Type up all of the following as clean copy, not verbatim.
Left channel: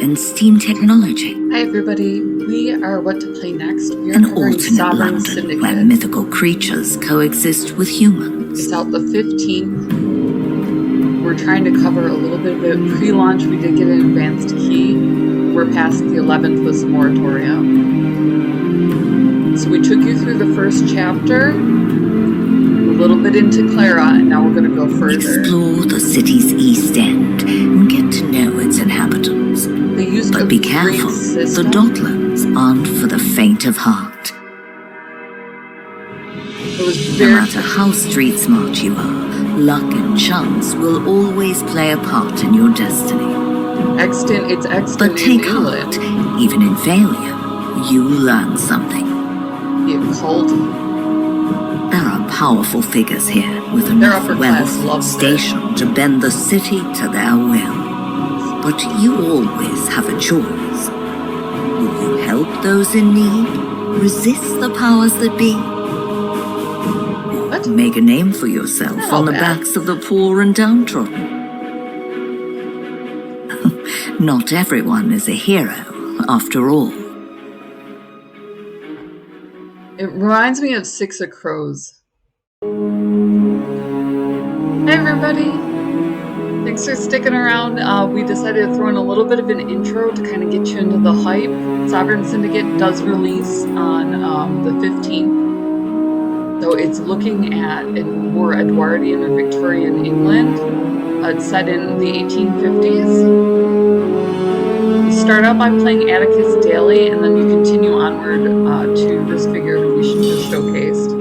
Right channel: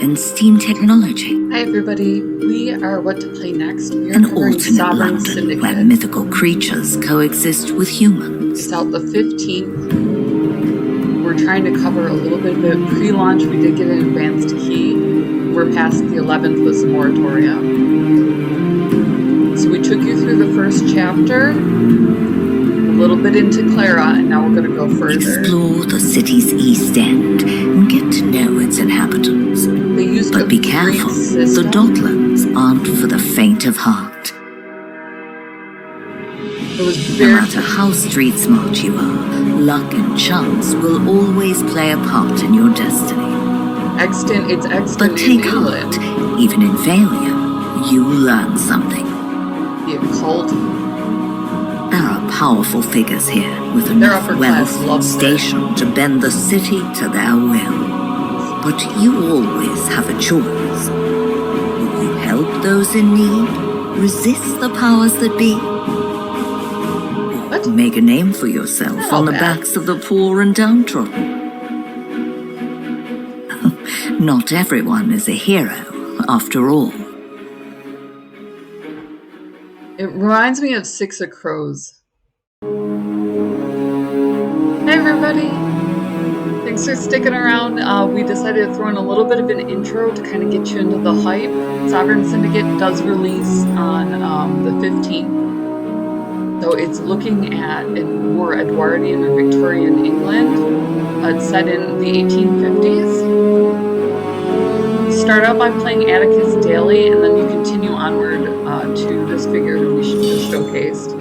and steam technology. Hi everybody, we are What to Play Next. We are An covering alternate Sovereign London Syndicate. where mythical creatures coexist with humans. It's out the 15th. We're trying to cover a little bit of it. Pre-launch, we did get an advanced key. We're past the 11th with the moratorium. So we took you through the first chapter, a little bit into Clara, and now we're going to go further. Explore the city's east end and get to know its inhabitants. They used But be careful, the Docklands aren't for the faint of heart. No matter how street smart you are, luck and chance will always play a part in your destiny. It's extant but take in England. heart, even in failure, you learn something. The occult. There are powerful figures here with enough wealth station to bend the city to their will. But you always have a choice. Will you help those in need? Resist the powers that be? Or make a name for yourself on the backs of the poor and downtrodden? Not everyone is a hero, after all. It reminds me of Six of Crows. Hey everybody! Thanks for sticking around. We decided to throw in a little bit of an intro to kind of get you into the hype. Sovereign Syndicate does release on the 15th. So it's looking at in more Edwardian or Victorian England. It's set in the 1850s. You start out by playing Atticus daily, and then you continue onward to this figure we just showcased.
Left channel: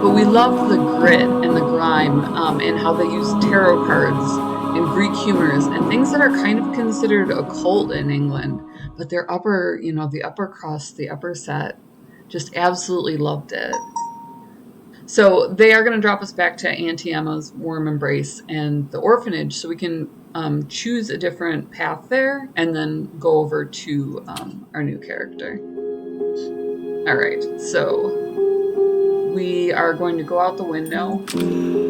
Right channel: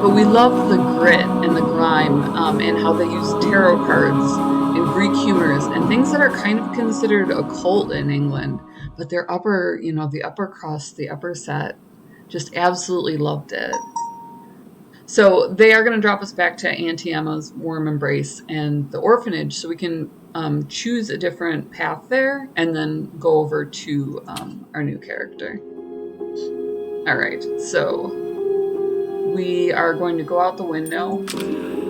But we love the grit and the grime and how they use tarot cards and Greek humors and things that are kind of considered occult in England. But their upper, the upper crust, the upper set, just absolutely loved it. So they are going to drop us back to Auntie Emma's warm embrace and the orphanage so we can choose a different path there and then go over to our new character. All right, so we are going to go out the window.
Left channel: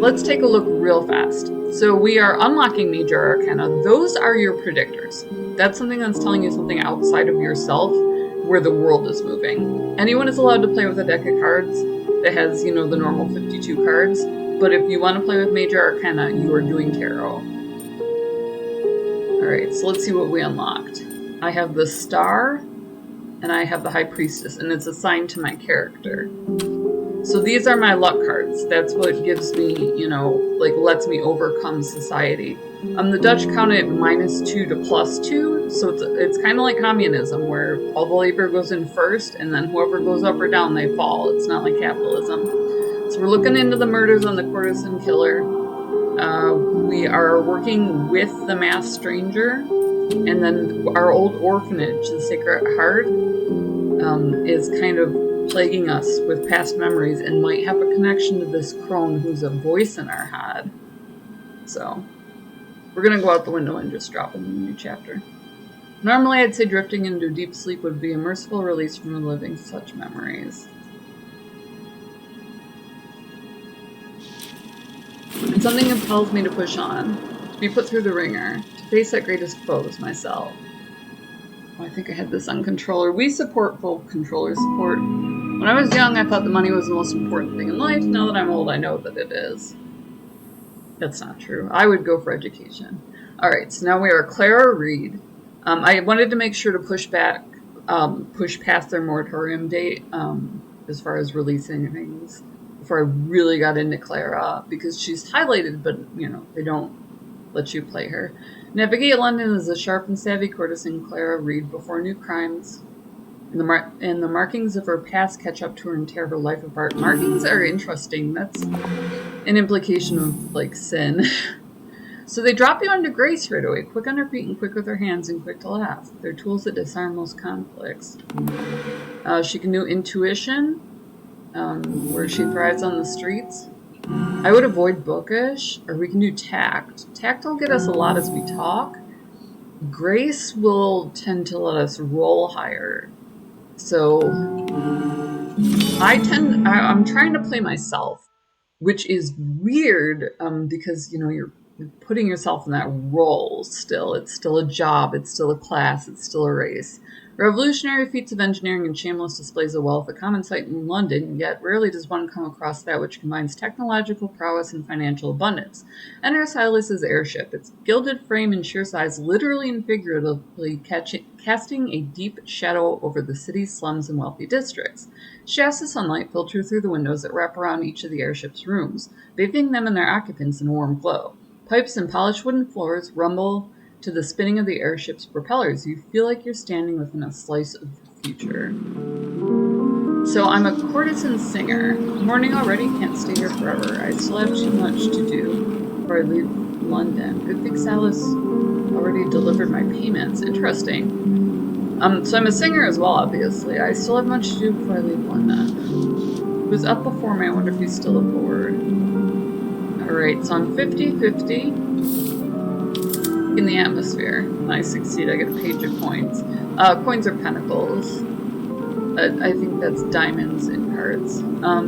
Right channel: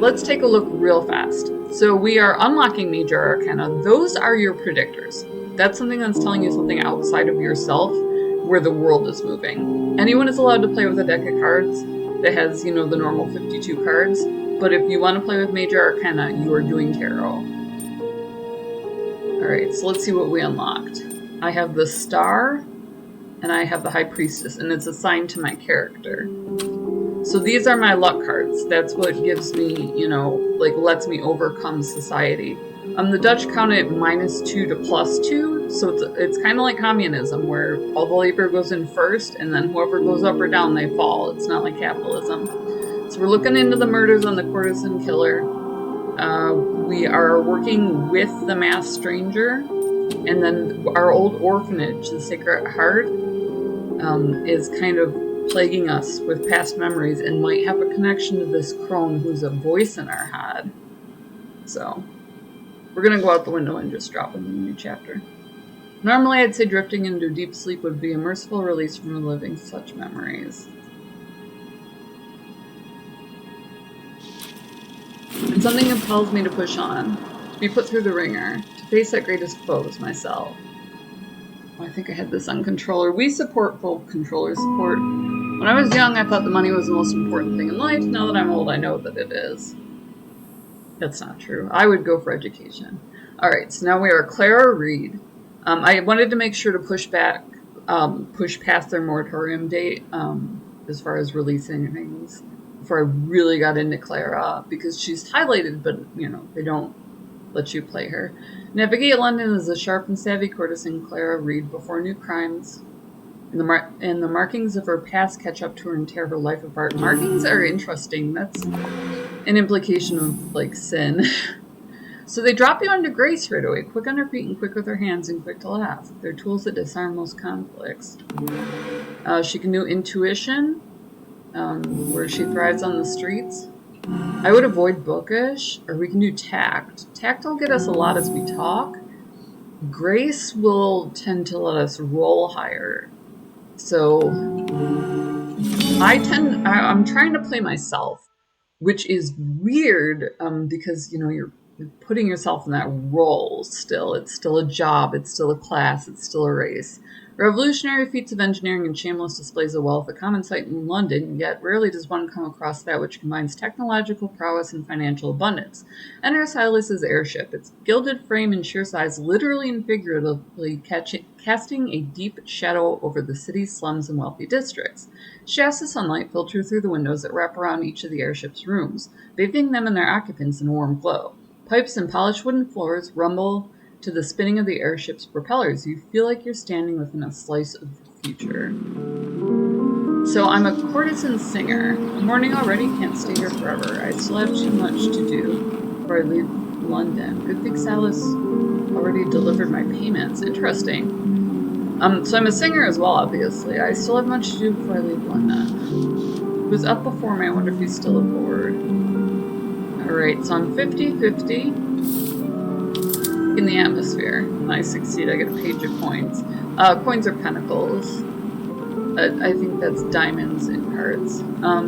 Let's take a look real fast. So we are unlocking Major Arcana. Those are your predictors. That's something that's telling you something outside of yourself where the world is moving. Anyone is allowed to play with a deck of cards that has, the normal 52 cards. But if you want to play with Major Arcana, you are doing tarot. Alright, so let's see what we unlocked. I have the Star, and I have the High Priestess, and it's assigned to my character. So these are my luck cards. That's what gives me, lets me overcome society. The Dutch count it -2 to +2, so it's kind of like communism, where all the labor goes in first, and then whoever goes up or down, they fall. It's not like capitalism. So we're looking into the murders on the Courtesan killer. We are working with the masked stranger, and then our old orphanage, the Sacred Heart, is kind of plaguing us with past memories and might have a connection to this crone who's a voice in our head. So we're going to go out the window and just drop in the new chapter. Normally I'd say drifting into deep sleep would be a merciful release from reliving such memories. And something impels me to push on, to be put through the ringer, to face that greatest foe as myself. I think I had this on controller. We support full controller support. When I was young, I thought the money was the most important thing in life. Now that I'm old, I know that it is. That's not true. I would go for education. Alright, so now we are Clara Reed. I wanted to make sure to push past their moratorium date as far as releasing things before I really got into Clara, because she's highlighted, but, they don't let you play her. Navigate London as a sharp and savvy courtesan, Clara Reed, before new crimes and the markings of her past catch up to her and tear her life apart. Markings are interesting. That's an implication of, sin. So they drop you onto grace right away. Quick on her feet and quick with her hands and quick to laugh. They're tools that disarm most conflicts. She can do intuition, where she thrives on the streets. I would avoid bookish, or we can do tact. Tact will get us a lot as we talk. Grace will tend to let us roll higher. So I'm trying to play myself. which is weird because, you're putting yourself in that role still. It's still a job. It's still a class. It's still a race. Revolutionary feats of engineering and shameless displays of wealth, a common sight in London, yet rarely does one come across that which combines technological prowess and financial abundance. Enter Silas's airship, its gilded frame and sheer size literally and figuratively casting a deep shadow over the city's slums and wealthy districts. Shafts of sunlight filter through the windows that wrap around each of the airship's rooms, bathing them and their occupants in a warm glow. Pipes and polished wooden floors rumble to the spinning of the airship's propellers. You feel like you're standing within a slice of the future. So I'm a courtesan singer. Morning already, can't stay here forever. I still have too much to do before I leave London. Good thing Silas already delivered my payments. Interesting. So I'm a singer as well, obviously. I still have much to do before I leave London. He was up before me. I wonder if he's still aboard. Alright, so I'm 50-50. In the atmosphere. When I succeed, I get a page of coins. Coins are pentacles. I think that's diamonds in cards.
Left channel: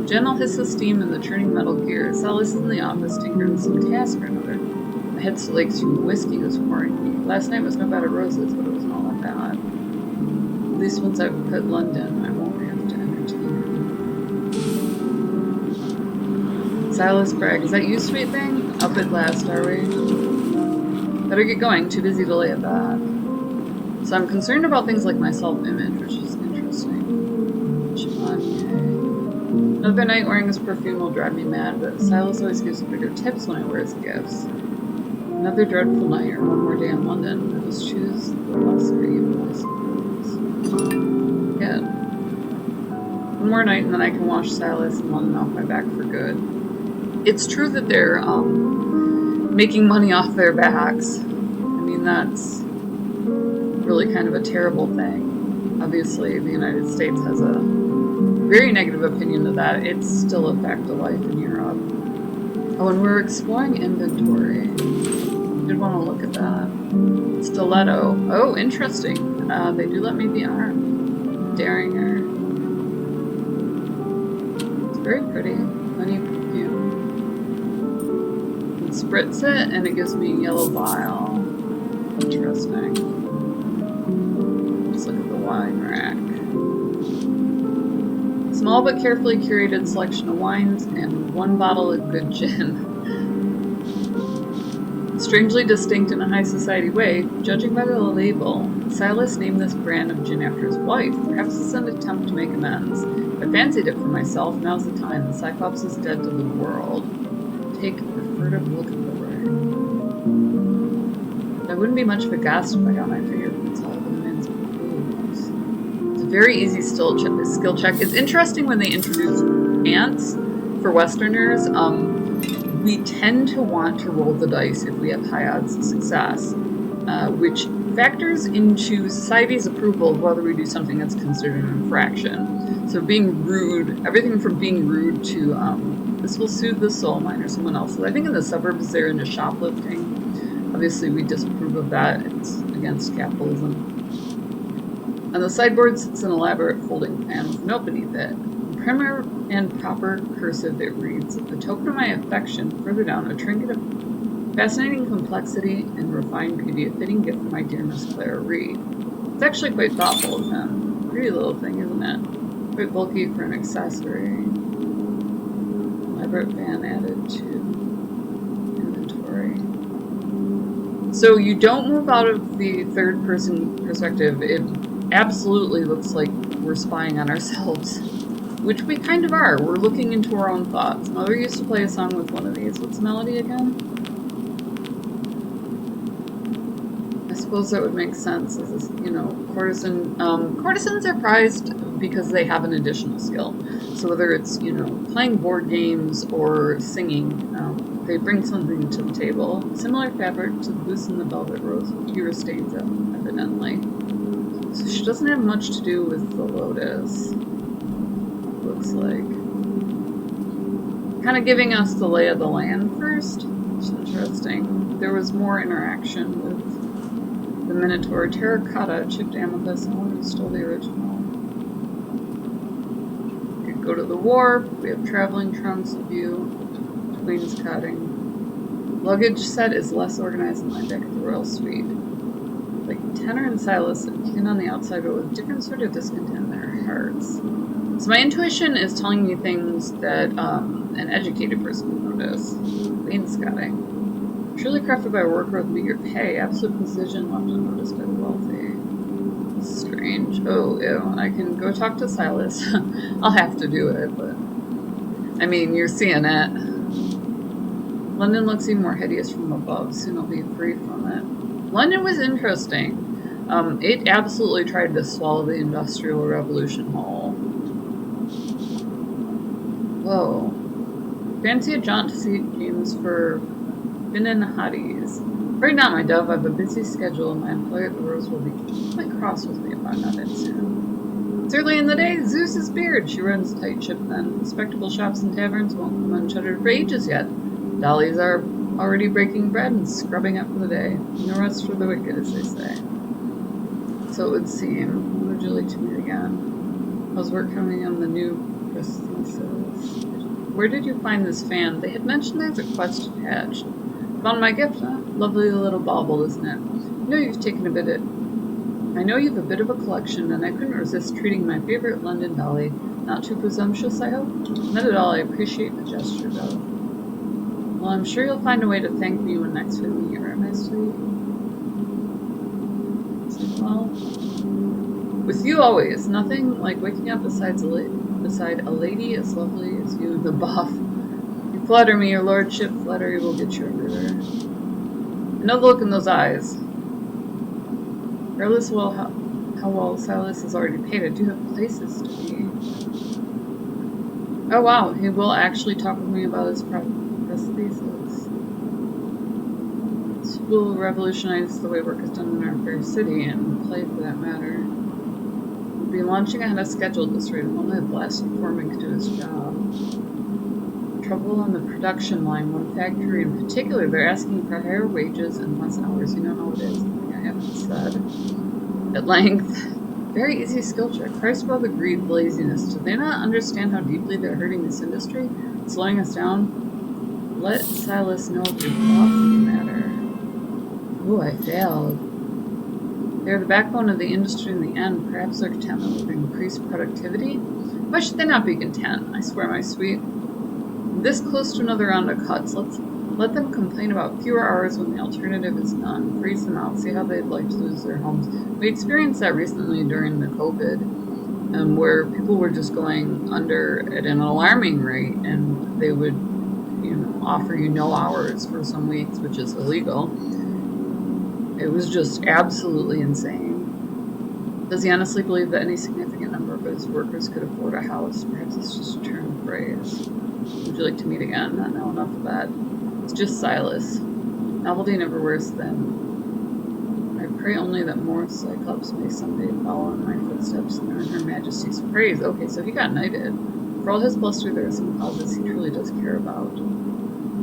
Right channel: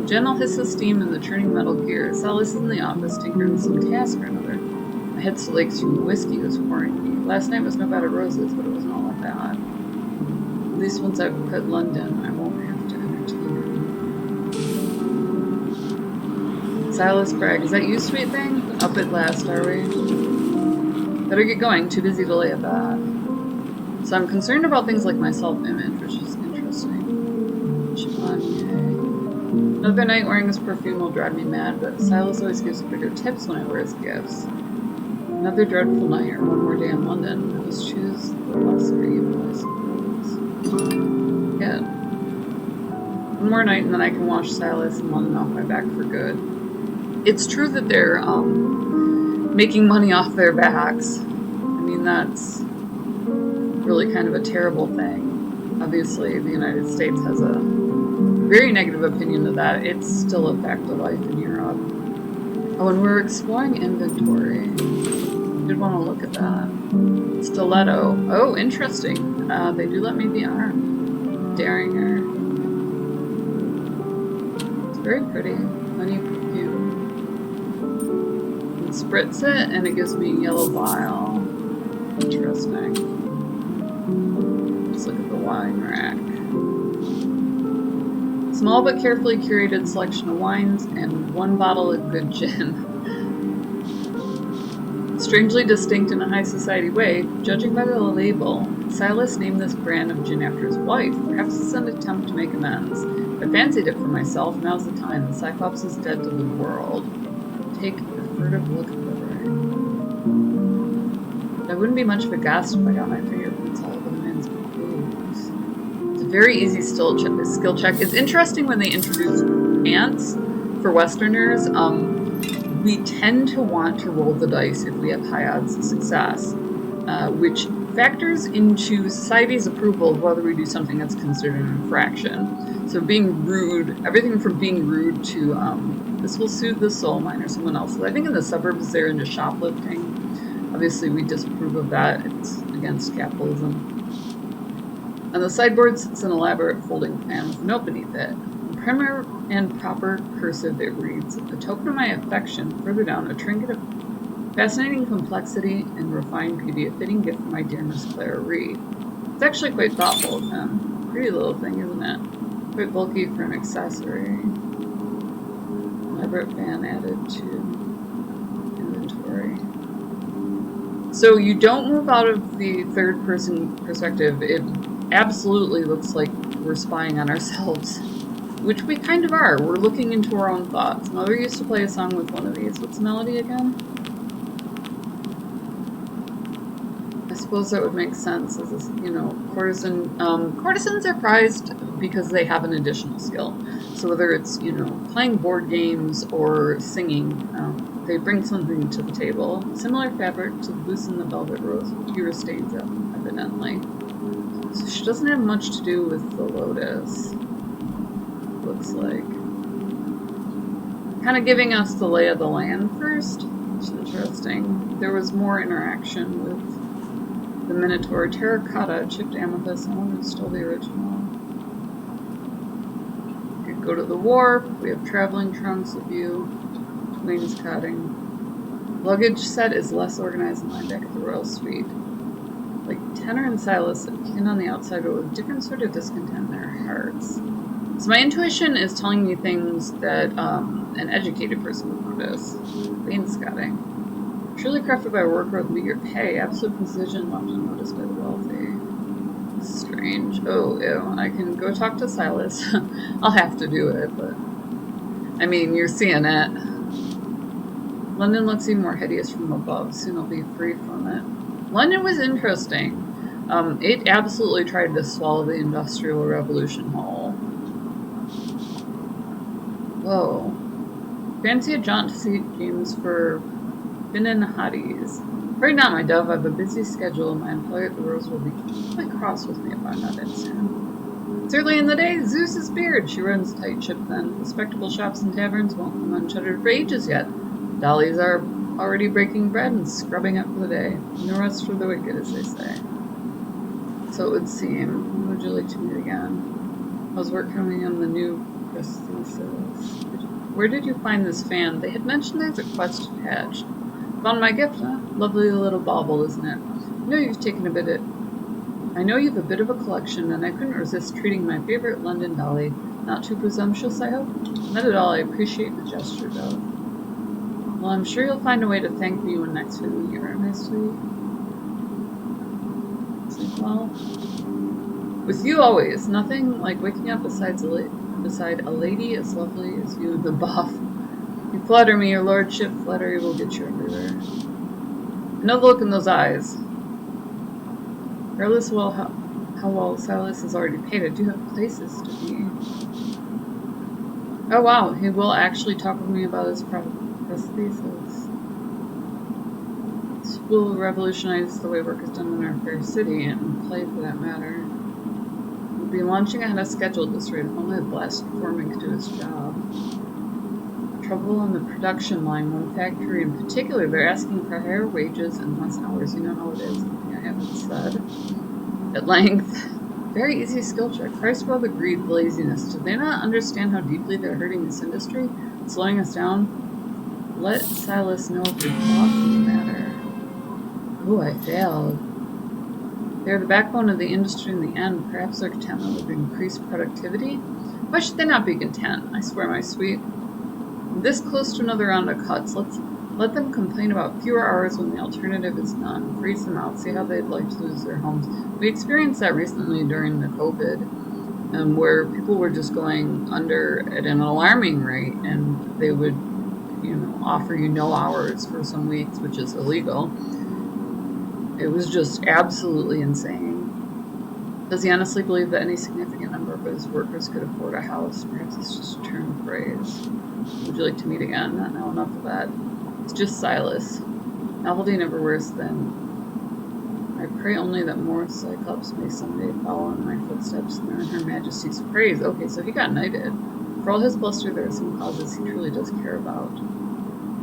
Gentle hiss of steam and the churning metal gears. Silas is in the office, tinkering some task or another. My head still aches from the whiskey was pouring me. Last night was no bed of roses, but it wasn't all that bad. At least once I've quit London, I won't have to entertain him. Silas Bragg. Is that you, sweet thing? Up at last, are we? Better get going, too busy to lay it back. So I'm concerned about things like my self-image, which is interesting. Chevalier. Another night wearing this perfume will drive me mad, but Silas always gives bigger tips when I wear his gifts. Another dreadful night, or one more day in London. I must choose the lesser evil, I suppose. Yeah. One more night and then I can wash Silas and London off my back for good. It's true that they're, making money off their backs. I mean, that's really kind of a terrible thing. Obviously, the United States has a very negative opinion of that. It's still a fact of life in Europe. Oh, and we're exploring inventory. I did want to look at that. Stiletto. Oh, interesting. They do let me be armed. Derringer. It's very pretty. Honey perfume. Spritz it and it gives me a yellow vial. Interesting. Let's look at the wine rack. Small but carefully curated selection of wines and one bottle of good gin. Strangely distinct in a high society way, judging by the label, Silas named this brand of gin after his wife. Perhaps it's an attempt to make amends. I fancied it for myself. Now's the time. The Cyclops is dead to the world. Take a furtive look at the ring. I wouldn't be much of a ghast if I got my fingerprints all over the man's boobs. It's a very easy skill check. It's interesting when they introduce ants for Westerners. We tend to want to roll the dice if we have high odds of success, which factors into society's approval of whether we do something that's considered an infraction. So being rude, everything from being rude to this will soothe the soul, mine or someone else's. I think in the suburbs they're into shoplifting. Obviously we disapprove of that. It's against capitalism. On the sideboard sits an elaborate folding fan with a note beneath it. In prim and proper cursive it reads, "A token of my affection." Further down, a trinket of fascinating complexity and refined beauty, a fitting gift for my dear Miss Clara Reed. It's actually quite thoughtful of him. Pretty little thing, isn't it? Quite bulky for an accessory. Elaborate fan added to inventory. So you don't move out of the third person perspective. It absolutely looks like we're spying on ourselves, which we kind of are. We're looking into our own thoughts. Mother used to play a song with one of these. What's the melody again? I suppose that would make sense. As a, courtesan. Courtesans are prized because they have an additional skill. So whether it's, playing board games or singing, they bring something to the table. Similar fabric to the goose and the velvet rose, with fewer stains, evidently. So she doesn't have much to do with the lotus. Looks like. Kind of giving us the lay of the land first, which is interesting. There was more interaction with the Minotaur. Terracotta, chipped amethyst. I wonder who stole the original. We could go to the wharf. We have traveling trunks, a view. wainscoting. Luggage set is less organized than mine back at the Royal Suite. Like Tenor and Silas appeared on the outside, but with different sort of discontent in their hearts. So my intuition is telling me things that an educated person would notice. Wainscoting. Truly crafted by a worker with meager pay, absolute precision left unnoticed by the wealthy. Strange. Oh, ew. I can go talk to Silas. I'll have to do it, but... I mean, you're seeing it. London looks even more hideous from above. Soon I'll be free from it. London was interesting. It absolutely tried to swallow the Industrial Revolution whole. Whoa. Fancy a jaunt to see games for Finnan hotties. Right now, my dove, I have a busy schedule, and my employer at the Rose will be quite cross with me if I'm not in soon. It's early in the day. Zeus is beard. She runs a tight ship then. Respectable shops and taverns won't come unshuttered for ages yet. Dollies are already breaking bread and scrubbing up for the day. No rest for the wicked, as they say. So it would seem. When would you like to meet again? How's work coming on the new prosthesis? Where did you find this fan? They had mentioned there's a quest attached. Found my gift, huh? Lovely little bauble, isn't it? I know you've a bit of a collection, and I couldn't resist treating my favorite London dolly. Not too presumptuous, I hope? Not at all. I appreciate the gesture, though. Well, I'm sure you'll find a way to thank me when next we meet, right, my sweet? It's like, well, with you always. Nothing like waking up beside a lady as lovely as you, the buff. You flatter me, your lordship. Flattery will get you everywhere. I know the look in those eyes. Regardless of how well Silas has already paid, I do have places to be. Oh wow, he will actually talk with me about his prosthesis. This will revolutionize the way work is done in our fair city, and play for that matter. We'll be launching ahead of schedule at this rate if only the blasted foreman could do his job. Trouble on the production line. One factory in particular, they're asking for higher wages and less hours. You don't know what it is. Nothing I haven't said. At length. Very easy skill check. Christ above the greed, laziness. Do they not understand how deeply they're hurting this industry? Slowing us down? Let Silas know of your thoughts in the matter. Ooh, I failed. They're the backbone of the industry in the end. Perhaps their contentment would increase productivity? Why should they not be content? I swear, my sweet. This close to another round of cuts. Let them complain about fewer hours when the alternative is none. Freeze them out. See how they'd like to lose their homes. We experienced that recently during the COVID, where people were just going under at an alarming rate, and they would, offer you no hours for some weeks, which is illegal. It was just absolutely insane. Does he honestly believe that any significant number of his workers could afford a house? Perhaps it's just a turn of phrase. Would you like to meet again? Not now, enough of that. It's just Silas. Novelty never worse than... I pray only that more Cyclops may someday follow in my footsteps and earn Her Majesty's praise. Okay, so he got knighted. For all his bluster, there are some causes he truly does care about.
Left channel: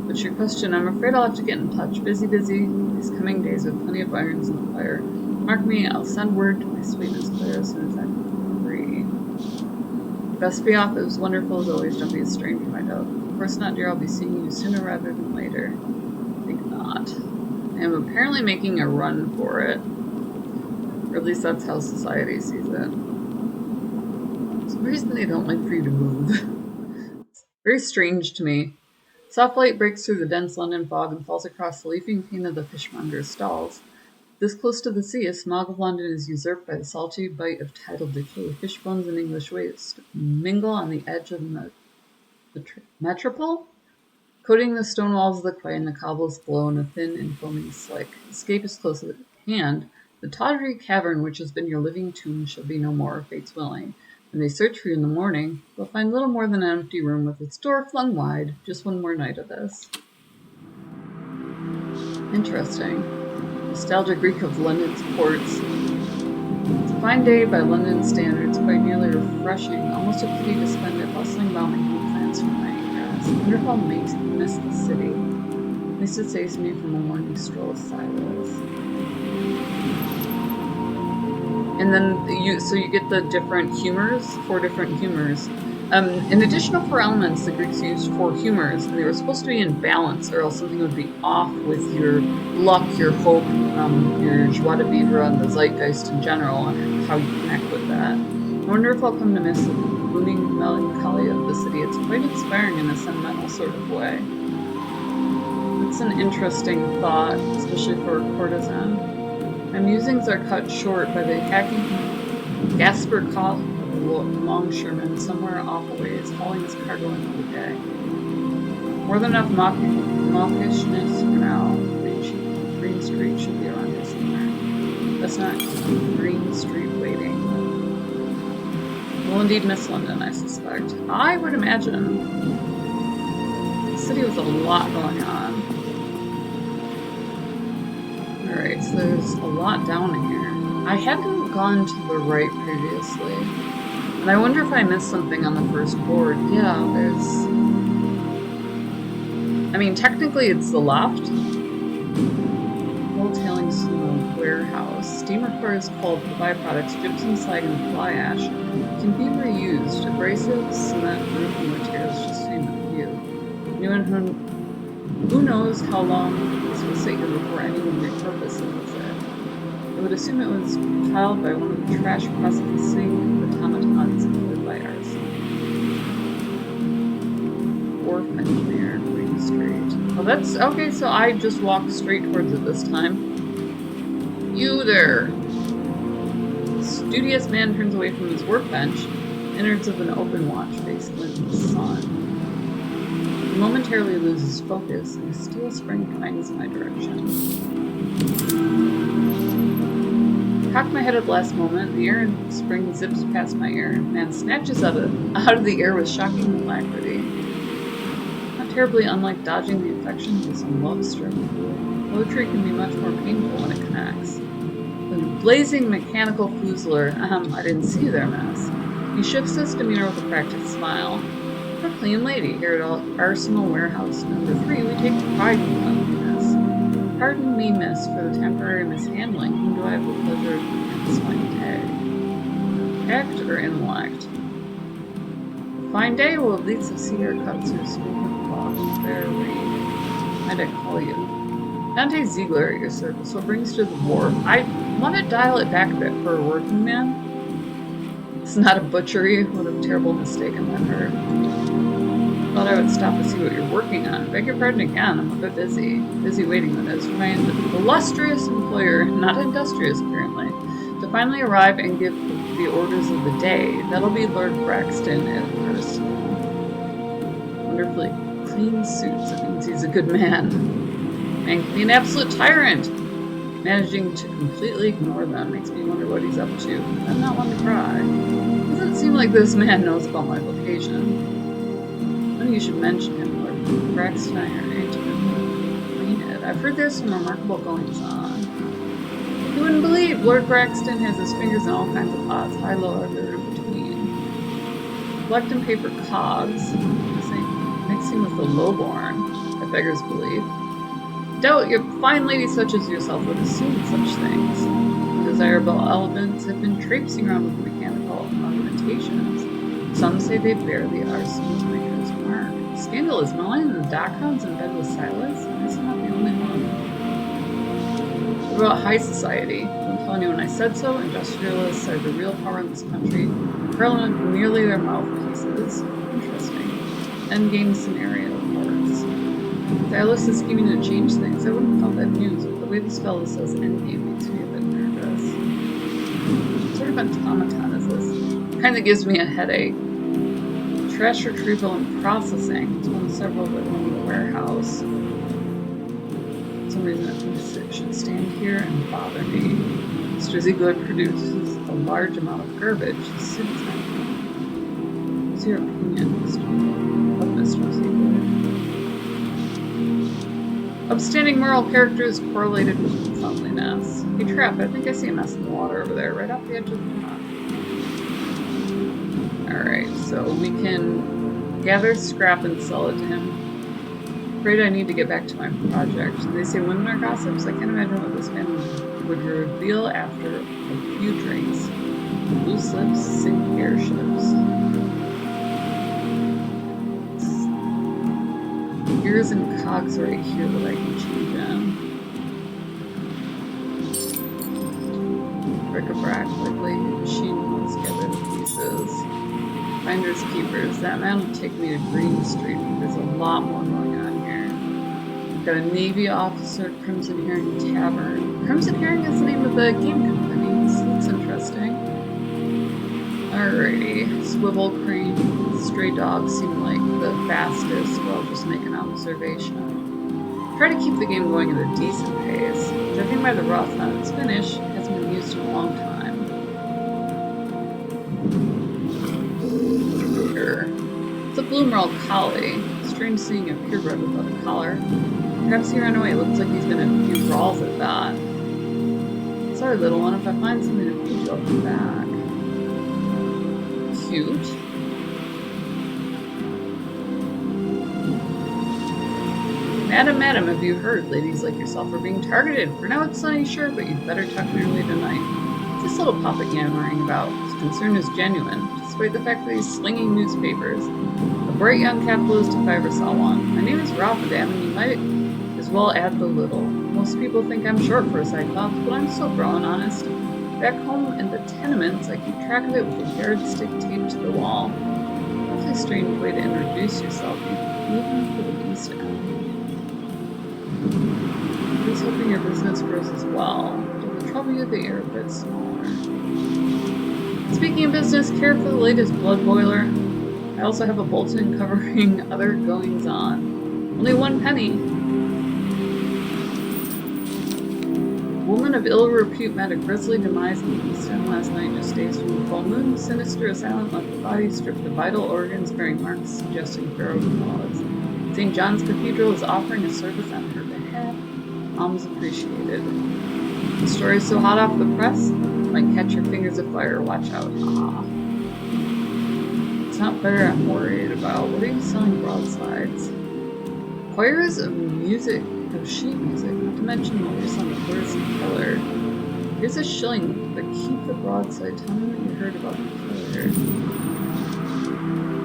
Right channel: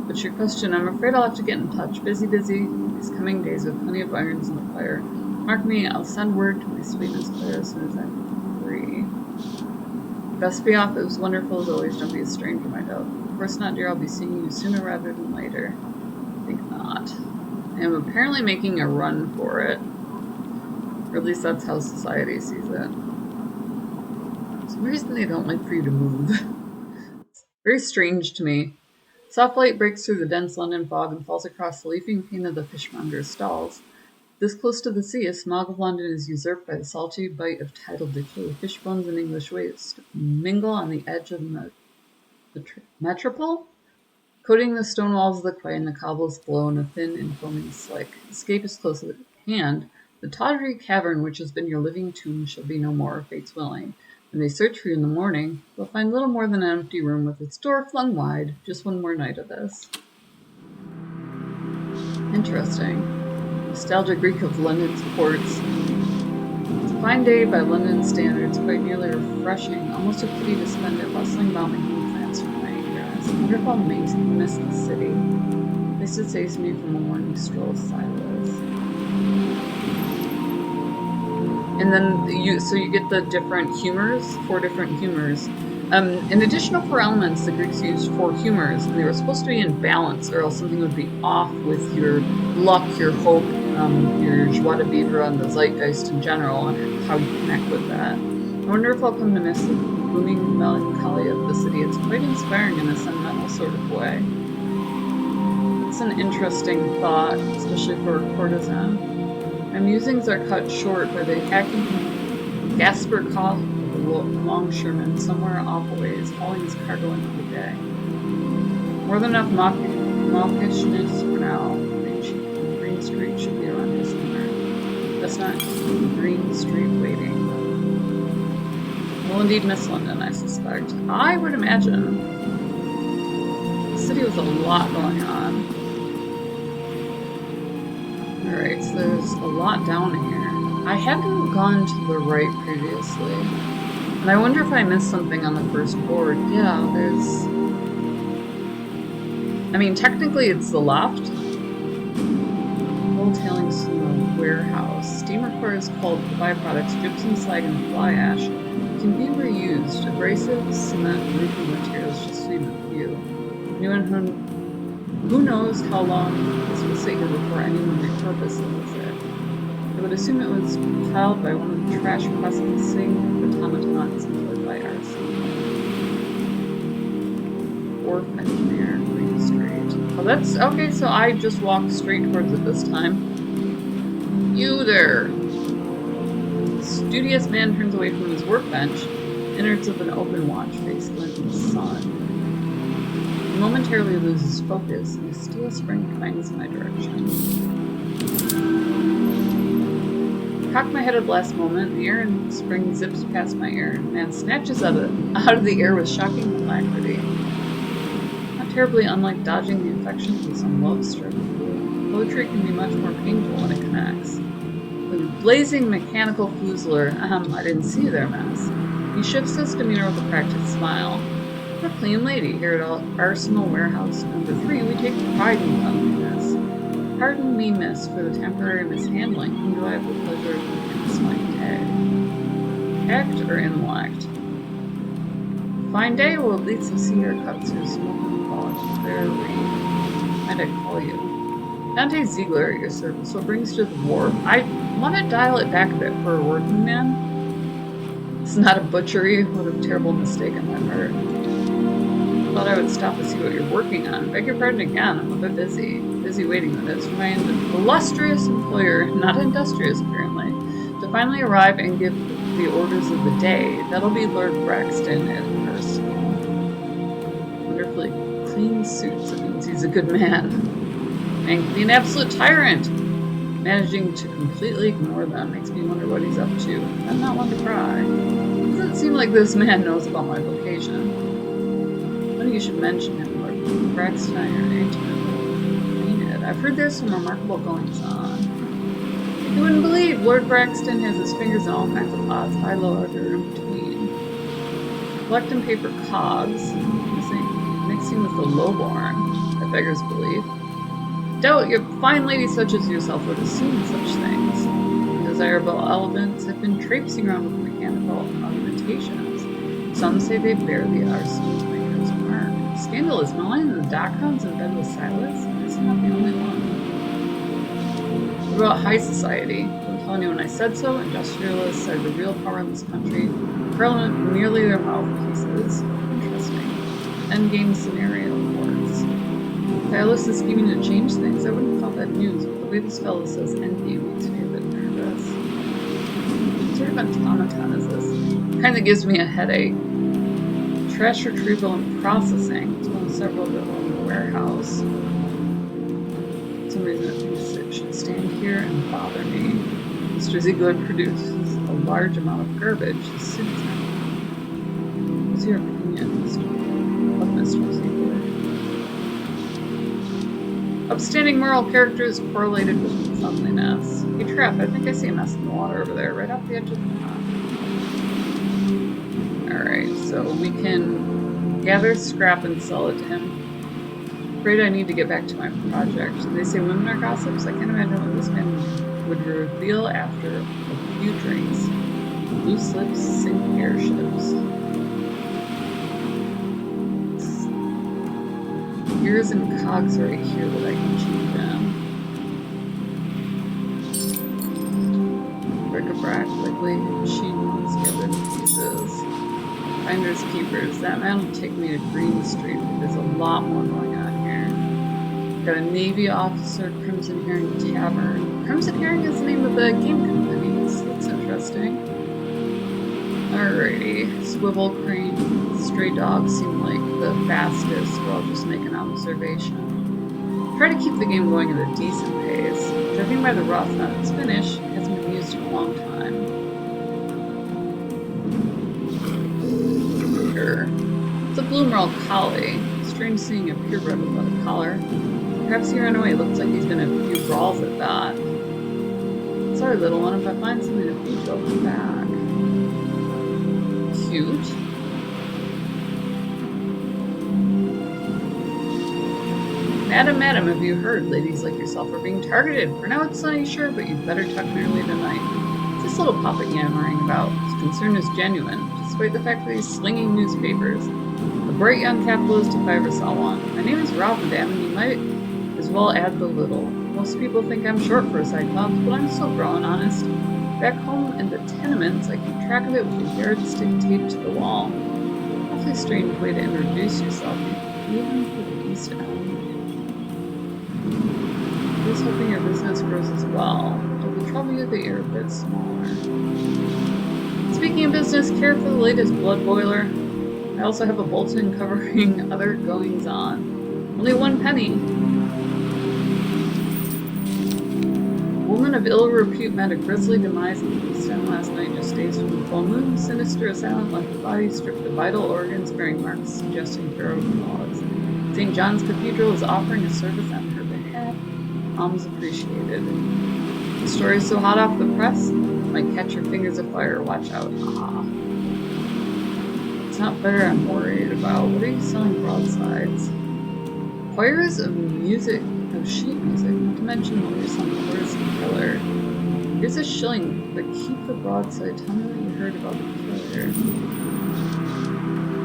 But your question, I'm afraid I'll have to get in touch. Busy, these coming days with plenty of irons in the fire. Mark me, I'll send word to my sweet Miss Clara as soon as I'm free. Best be off. It was wonderful as always. Don't be a stranger, my dove. Of course not, dear. I'll be seeing you sooner rather than later. I think not. I am apparently making a run for it. Or at least that's how society sees it. For some reason they don't like for you to move. It's very strange to me. Soft light breaks through the dense London fog and falls across the leafing pane of the fishmonger's stalls. This close to the sea, a smog of London is usurped by the salty bite of tidal decay. Fish bones and English waste mingle on the edge of the metropole, coating the stone walls of the quay, and the cobbles glow in a thin and foaming slick. Escape is close at hand. The tawdry cavern which has been your living tomb shall be no more, fate's willing. When they search for you in the morning, they'll find little more than an empty room with its door flung wide. Just one more night of this. Interesting. Nostalgia Greek of London's ports. It's a fine day by London standards, quite nearly refreshing. Almost a pity to spend it bustling about making plans for night grass. I wonder if I'll miss the city. At least it saves me from a morning stroll with Silas. And then you get the different humors, 4 different humors. In addition to 4 elements the Greeks used 4 humors, and they were supposed to be in balance, or else something would be off with your luck, your hope, your joie de vivre, and the zeitgeist in general, and how you connect with that. I wonder if I'll come to miss the booming melancholy of the city. It's quite inspiring in a sentimental sort of way. That's an interesting thought, especially for a courtesan. My musings are cut short by the hacking gasper cough of a longshoreman somewhere off a ways, hauling his cargo into the day. More than enough mawkishness for now. Green Street should be around here somewhere. That's not Green Street waiting. We'll indeed miss London, I suspect. I would imagine. The city was a lot going on. Alright, so there's a lot down here. I hadn't gone to the right previously. And I wonder if I missed something on the first board. Yeah, there's... I mean, technically it's the left. Coal tailings from the warehouse. Steam requires coal for the byproducts, gypsum, slag, and fly ash. Can be reused. Abrasive, cement, roofing materials, just to name a few. Who knows how long this will sit here before anyone repurposes it. I would assume it was piled by one of the trash processing automatons employed by Arson. Wharf engineer, Green Street. Oh, that's okay, so I just walked straight towards it this time. You there! Studious man turns away from his workbench, innards of an open watch face glint in the sun. He momentarily loses focus, and a steel spring twangs in my direction. Cock my head at the last moment, the iron spring zips past my ear, and man snatches out of the air with shocking alacrity. Not terribly unlike dodging the infections of some love-struck fool. Poetry can be much more painful when it connects. Like a blazing mechanical foozler, I didn't see their mess. He shifts his demeanor with a practiced smile. We're a clean lady here at Arsenal Warehouse number 3. We take pride in cleanliness. Pardon me, miss, for the temporary mishandling. Whom do I have the pleasure of against my tag? Act or intellect? A fine day will at least see our cut through smoke and fog. Fair read. Might I call you? Dante Ziegler at your service. What brings you to the wharf? I want to dial it back a bit for a working man. It's not a butchery. What a terrible mistake on my part. Thought I would stop to see what you're working on. Beg your pardon again, I'm a bit busy. Busy waiting, that is, for my illustrious employer, not industrious apparently, to finally arrive and give the orders of the day. That'll be Lord Braxton at Arsenal. Wonderfully clean suits, it means he's a good man. Man can be an absolute tyrant. Managing to completely ignore them makes me wonder what he's up to. I'm not one to pry. Doesn't seem like this man knows about my vocation. Funny you should mention him. Lord Braxton and I are intimately acquainted. I've heard there's some remarkable goings-on. Like you wouldn't believe, Lord Braxton has his fingers in all kinds of pots, high, low, or in between. Collecting paper cogs, mixing with the lowborn, that beggars belief. Doubt your fine lady such as yourself would assume such things. Undesirable elements have been traipsing around with mechanical augmentations. Some say they bear the arsenal's maker's mark. Scandal is gnawing the dockhounds in bed with Silas? I guess I'm not the only one. What about high society? I'm telling you when I said so, industrialists are the real power in this country. Parliament merely their mouthpieces. Interesting. Endgame scenario works. Silas is scheming to change things. I wouldn't call that news, but the way this fellow says endgame makes me a bit nervous. What sort of automaton is this? Kind of gives me a headache. Trash retrieval and processing. It's one of several that run the warehouse. For some reason it thinks it should stand here and bother me. Mr. Ziegler produces a large amount of garbage. His suit's empty. What's your opinion, of Mr. Ziegler? Upstanding moral characters correlated with cleanliness. Hey, Trap, I think I see a mess in the water over there, right off the edge of the dock. Alright, so we can gather scrap and sell it to him. Afraid I need to get back to my project. They say women are gossips? I can't imagine what this man would reveal after a few drinks. Loose lips sink airships. gears and cogs right here that I can change in. Bric-a-brac, likely machine wants gather the pieces. Finders keepers. That man will take me to Green Street, but there's a lot more going on here. Got a Navy officer, Crimson Herring Tavern. Crimson Herring is the name of the game company, so that's interesting. Alrighty. Swivel crane, stray dogs seem like the fastest, but I'll just make an observation. Try to keep the game going at a decent pace. Judging by the rough on its finish, it hasn't been used in a long time. It's a Bloomerall collie. Strange seeing a purebred without a collar. Perhaps he ran away. Looks like he's been in a few brawls at that. Sorry, little one. If I find something to feed you, I'll come back. Cute. Madam, madam, have you heard? Ladies like yourself are being targeted. For now it's sunny, sure, but you'd better tuck in early tonight. What's this little puppet yammering about? His concern is genuine, despite the fact that he's slinging newspapers. A bright young capitalist if I ever saw one. My name is Rob, madam, and you might as well add the little. Most people think I'm short for a Cyclops, but I'm still growing, honest. Back home in the tenements, I keep track of it with a yardstick taped to the wall. Awfully strange way to introduce yourself, even for the East End. Here's hoping your business grows as well, though the trouble you that you're a bit smaller. Speaking of business, care for the latest blood boiler. I also have a bulletin covering other goings-on. Only 1 penny. Woman of ill repute met a grisly demise on the East End last night, just days from the full moon. Sinister assailant left the body stripped of vital organs bearing marks suggesting thorough cause. St. John's Cathedral is offering a service on her behalf. Alms appreciated. The story is so hot off the press, might catch your fingers afire. Watch out. Ah. It's not fair, I'm worried about. What are you selling broadsides? Choirs of sheet music, not to mention the latest on the Courtesan killer. Here's a shilling, but keep the broadside. Tell me what you heard about the killer.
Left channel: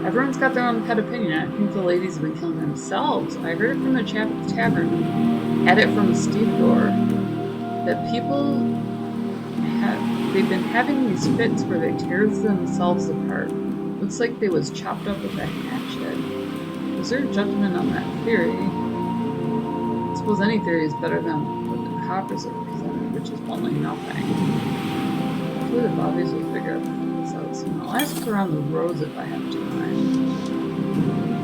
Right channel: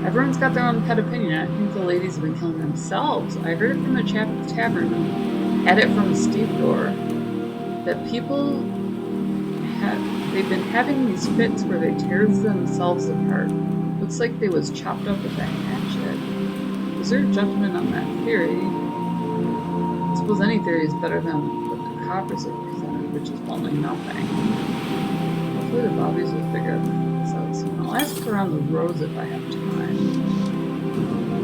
Everyone's got their own pet opinion. I think the ladies have been killing themselves. I heard it from a chap at the tavern who had it from a stevedore. That people they've been having these fits where they tear themselves apart. Looks like they was chopped up with a hatchet. Reserve judgment on that theory. I suppose any theory is better than what the coppers have presented, which is bluntly nothing. Hopefully the bobbies will figure this out soon. I'll ask around the roads if I have time.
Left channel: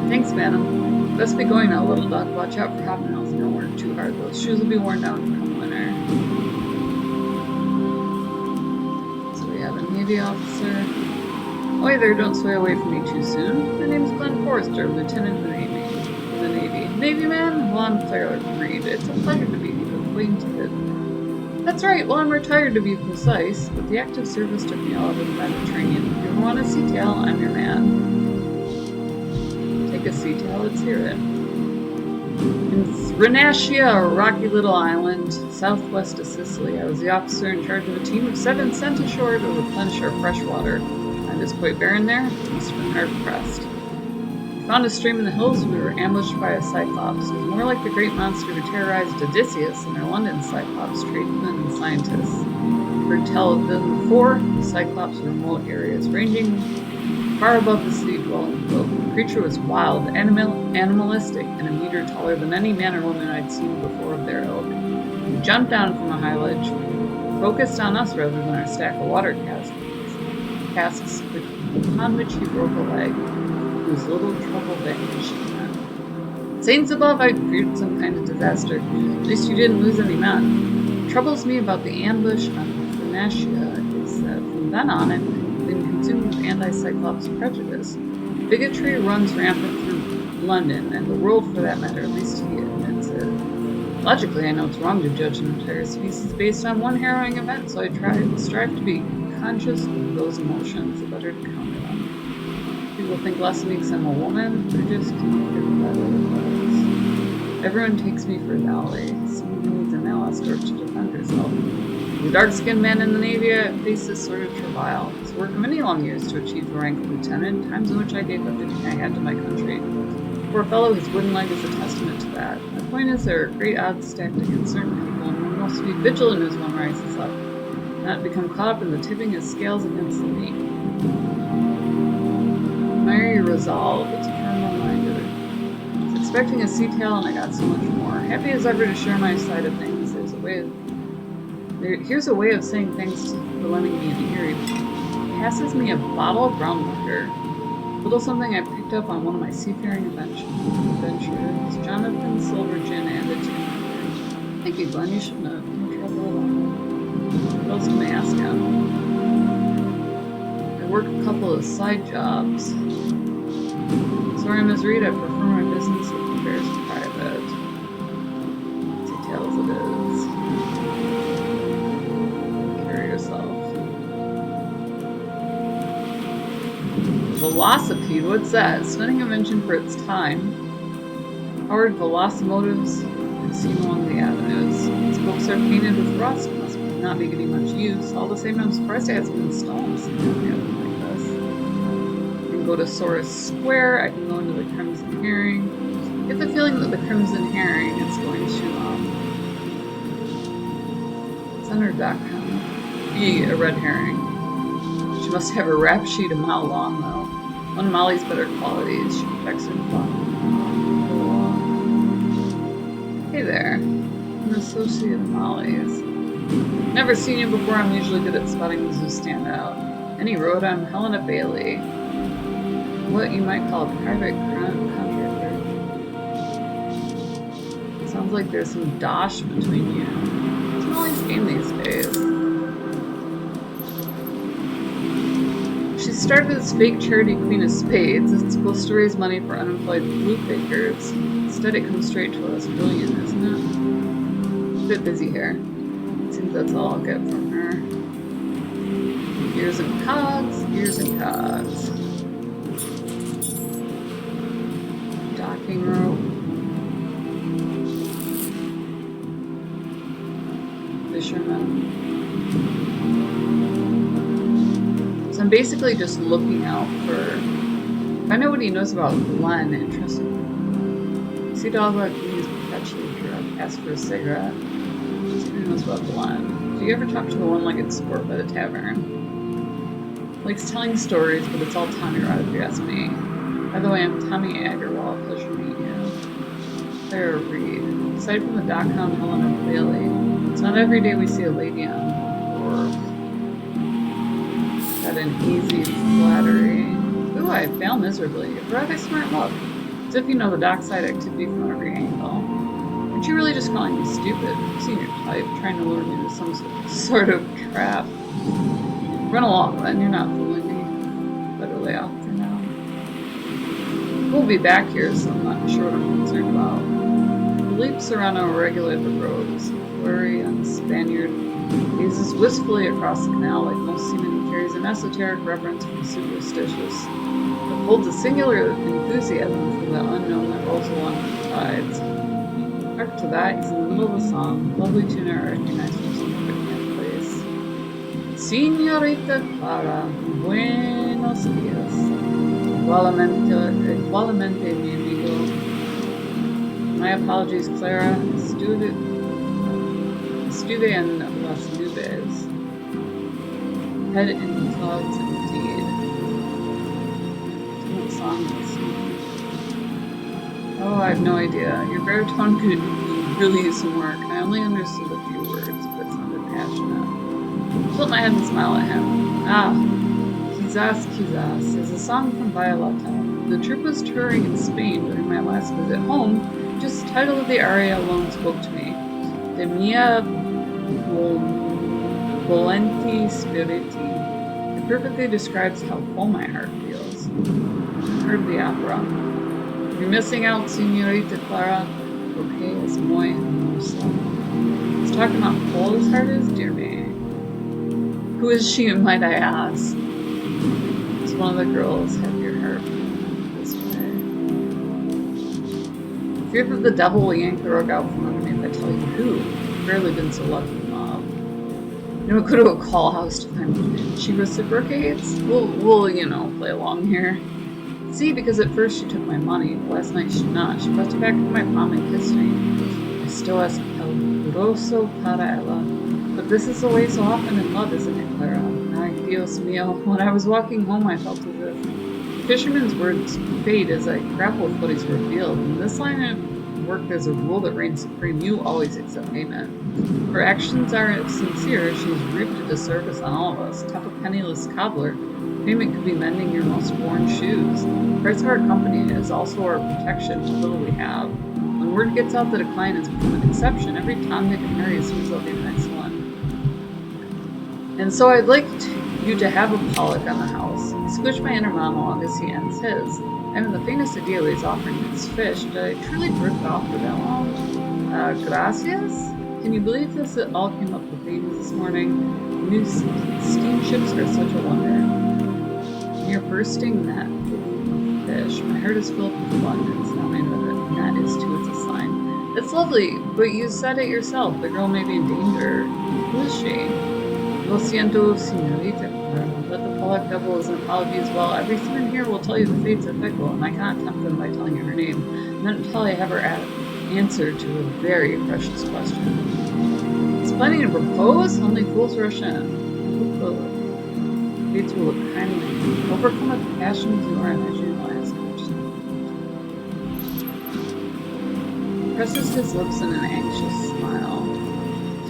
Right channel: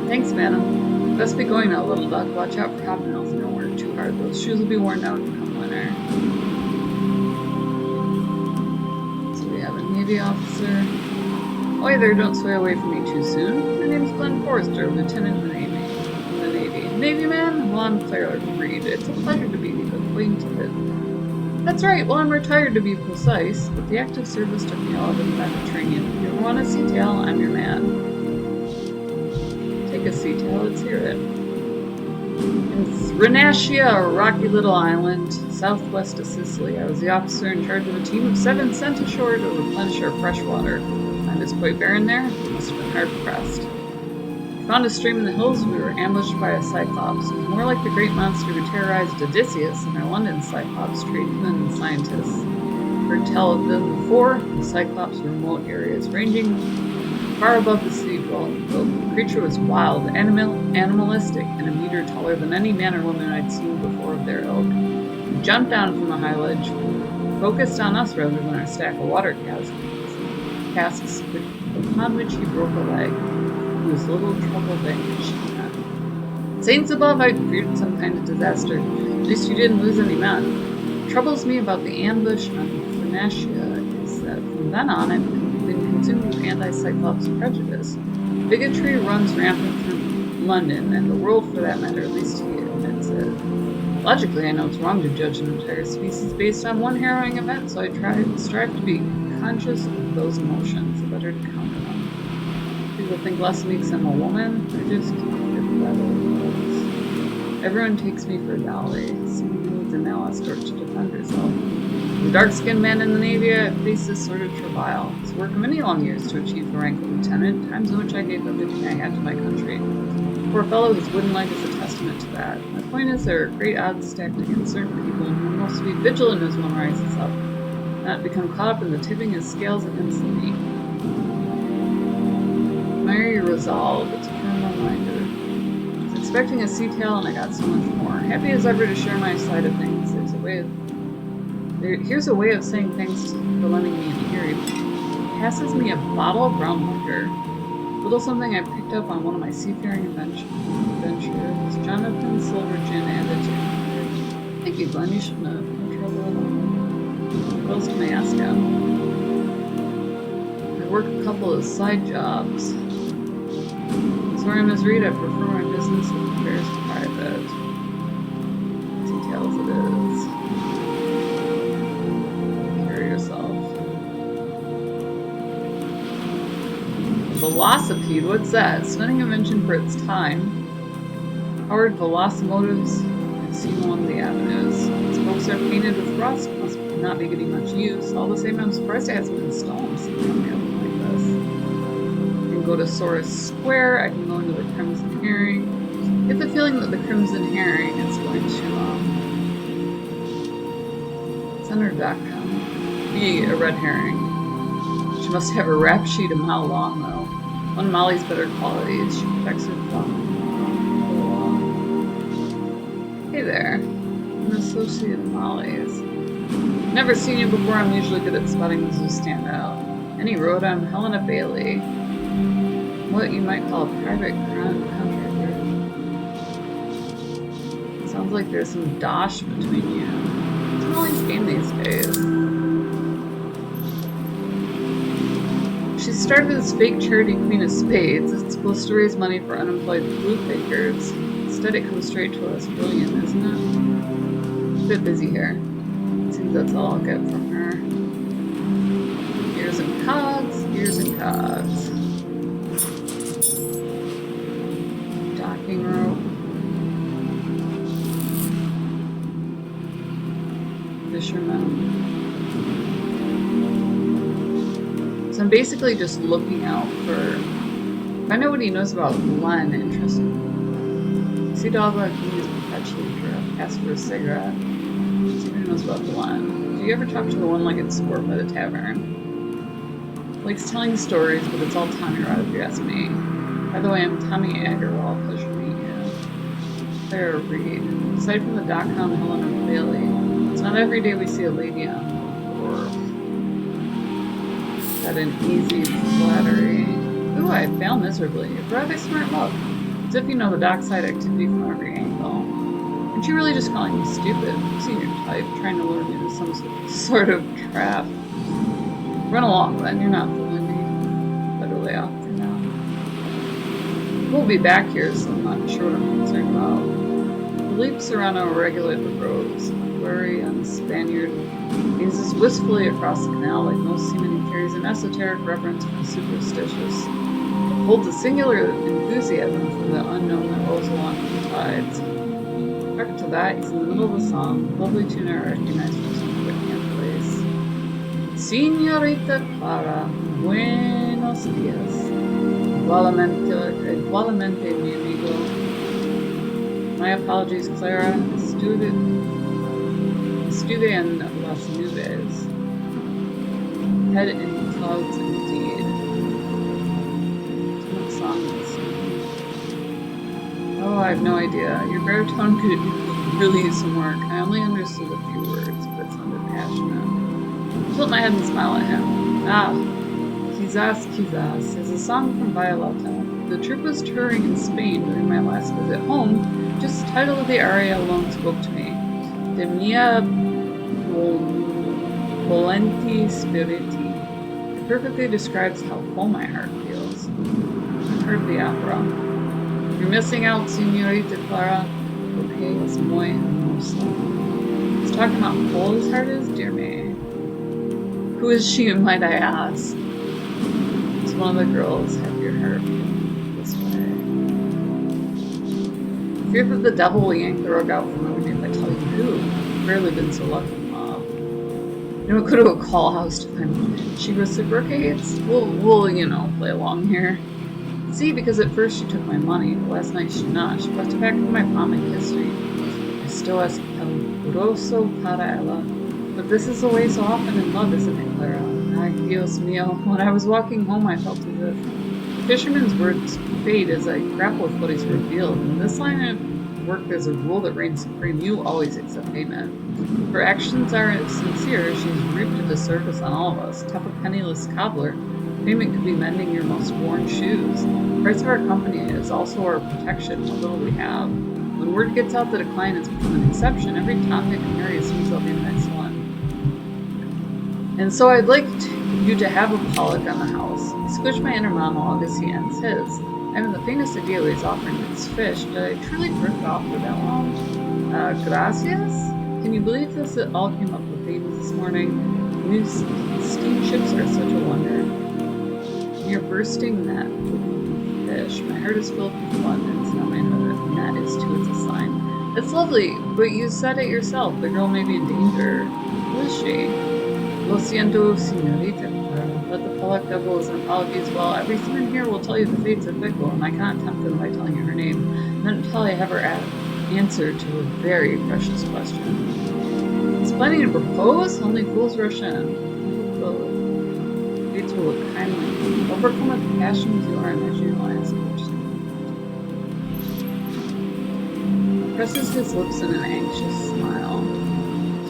Thanks, madam. Best be going now, little duck. Watch out for hobnails and don't work too hard. Those shoes will be worn down come winter. So we have a Navy officer. Oh, hey there, don't sway away from me too soon. My name's Glenn Forrester, Lieutenant in the Navy. Navy man? Well, I'm Clara Reed. It's a pleasure to be acquainted. That's right, well, I'm retired to be precise, but the active service took me all over the Mediterranean. If you ever want a sea tale, I'm your man. Take a sea tale, let's hear it. In Thrinacia, a rocky little island, southwest of Sicily, I was the officer in charge of a team of 7 sent ashore to replenish our fresh water. Land is quite barren there, we must have been hard pressed. We found a stream in the hills. We were ambushed by a Cyclops. It was more like the great monster who terrorized Odysseus and their London Cyclops tradesmen and scientists. Heard tell of them before, the Cyclops were remote areas, ranging far above the city-dwelling folk. The creature was wild, animalistic, and a meter taller than any man or woman I'd seen before of their ilk. He jumped down from a high ledge, focused on us rather than our stack of water casks, upon which he broke a leg. He was little trouble vanquishing that. Saints above, I feared some kind of disaster. At least you didn't lose any men. What troubles me about the ambush on Thrinacia is that from then on I've been consumed with anti-Cyclops prejudice. Bigotry runs rampant through London, and the world for that matter, at least he admits it. Logically, I know it's wrong to judge an entire species based on one harrowing event, so I strive to be conscious of those emotions, the better to counter them. People think less of me because I'm a woman. I just can't get the better of us. Everyone takes me for a dolly, someone who needs a male escort to defend herself. As a dark-skinned man in the Navy, I faced this sort of travail. It's the work of many long years to achieve the rank of lieutenant, times in which I gave everything I had to my country. Poor fellow, his wooden leg is a testament to that. My point is there are great odds stacked against certain people, and one must be vigilant as one rises up, not become caught up in the tipping his scales against the meek. Admire your resolve, it's a firm reminder. I was expecting a sea tail and I got so much more. Happy as ever to share my side of things. Here's a way of saying thanks for lending me an ear. He passes me a bottle of brown liquor. Little something I picked up on one of my seafaring adventures. Jonathan Silver Gin added to it. Thank you, Glenn. You should know. No trouble at all. What else can I ask him? I work a couple of side jobs. Sorry, Ms. Reed, I prefer my business affairs private. Details it is. Carry yourself. A velocipede, what's that? Stunning invention for its time. Powered velocimotives I've seen along the avenues. Spokes are painted with rust, must not be getting much use. All the same, I'm surprised it hasn't been stolen sitting on the open like this. I can go to Saurus Square, I can go into the Crimson Herring. Get the feeling that the Crimson Herring is going to, Center.com. Be a red herring. She must have a rap sheet a mile long, though. One of Molly's better qualities. She protects her flock from the law. Hey there. An associate of Molly's. Never seen you before. I'm usually good at spotting those who stand out. Any road, I'm Helena Bailey. What you might call a private contractor. Sounds like there's some dosh between you. It's Molly's game these days. She started as fake charity Queen of Spades. It's supposed to raise money for unemployed flute fakers. Instead, it comes straight to us brilliant, isn't it? A bit busy here. Seems that's all I'll get from her. Gears and cogs, gears and cogs. Docking rope. Fisherman. So I'm basically just looking out for... Find out what he knows about Glenn. Interesting. See dog like he is perpetually drunk. Ask for a cigarette. See what he knows about Glenn. Do you ever talk to the one-legged sport by the tavern? Likes telling stories, but it's all Tommy Rod if you ask me. By the way, I'm Tommy Agarwal. Pleasure to meet you. Clara Reed. Aside from the .com Helena Bailey, it's not every day we see a lady on the floor. Got an easy flattery. Ooh, I fail miserably. A rather smart look. As if you know the dockside activity from every angle. Aren't you really just calling me stupid? I've seen your type, trying to lure me into some sort of trap. Run along, then. You're not fooling me. Better lay off for now. We'll be back here, so I'm not sure what I'm concerned about. Philippe Serrano regulated the roads. Blurry on the Spaniard. Gazes wistfully across the canal like most seamen. He carries an esoteric reverence for the superstitious, but holds a singular enthusiasm for the unknown that rolls along with the tides. Hark to that, he's in the middle of a song. Lovely tune I recognize from some of the camp plays. Señorita Clara, buenos días. Igualmente, mi amigo. My apologies, Clara. Estuve en las nubes. Head in clouds indeed. What song is this? Oh, I have no idea. Your baritone could really use some work. I only understood a few words, but it sounded passionate. I tilt my head and smile at him. Ah, Quizás, Quizás is a song from Violeta. The troupe was touring in Spain during my last visit home. Just the title of the aria alone spoke to me. De mia volenti spiriti. It perfectly describes how full my heart feels. I haven't heard the opera. You're missing out, Señorita Clara. Porque es muy hermosa. He's talking about how full his heart is? Dear me. Who is she, might I ask? It's one of the girls. Have your heart feeling this way. Fear that the devil will yank the rug out from under me if I tell you who. I've rarely been so lucky in love. You know, go to a call house to find one. She reciprocates? We'll play along here. See, because at first she took my money, but last night she not. She thrust it back into my palm and kissed me. Esto es peligroso para ella. But this is the way so often in love, isn't it, Clara? Ay, Dios mío. When I was walking home, I felt as if the fisherman's words fade as I grapple with what he's revealed. In this line of work, there's a rule that reigns supreme. You always accept payment. Her actions are sincere. She's reaped a disservice on all of us. Tough a penniless cobbler. Payment could be mending your most worn shoes. The price of our company is also our protection, what little we have. When word gets out that a client has become an exception, every Tom, Dick, and Harry assumes they'll be the next one. And so I'd like you to have a Pollock on the house. I squish my inner monologue as he ends his. I haven't the faintest idea what he's offering his fish. Did I truly drift off for that long? Gracias? Can you believe this? It all came up with themes this morning. New steamships are such a wonder. Near bursting that woodland fish. My heart is filled with abundance. Now my net is too. It's a sign. That's lovely, but you said it yourself. The girl may be in danger. Who is she? Lo siento, señorita. Let the Pollock double as an apology as well. Every human here will tell you the fates are fickle, and I cannot tempt them by telling you her name. Not until I have her answer to a very precious question. He's planning to propose? Only fools rush in. I hope the fates will look kindly. Overcome with the passion as you are, and as you will ask Courtesan. Presses his lips in an anxious smile.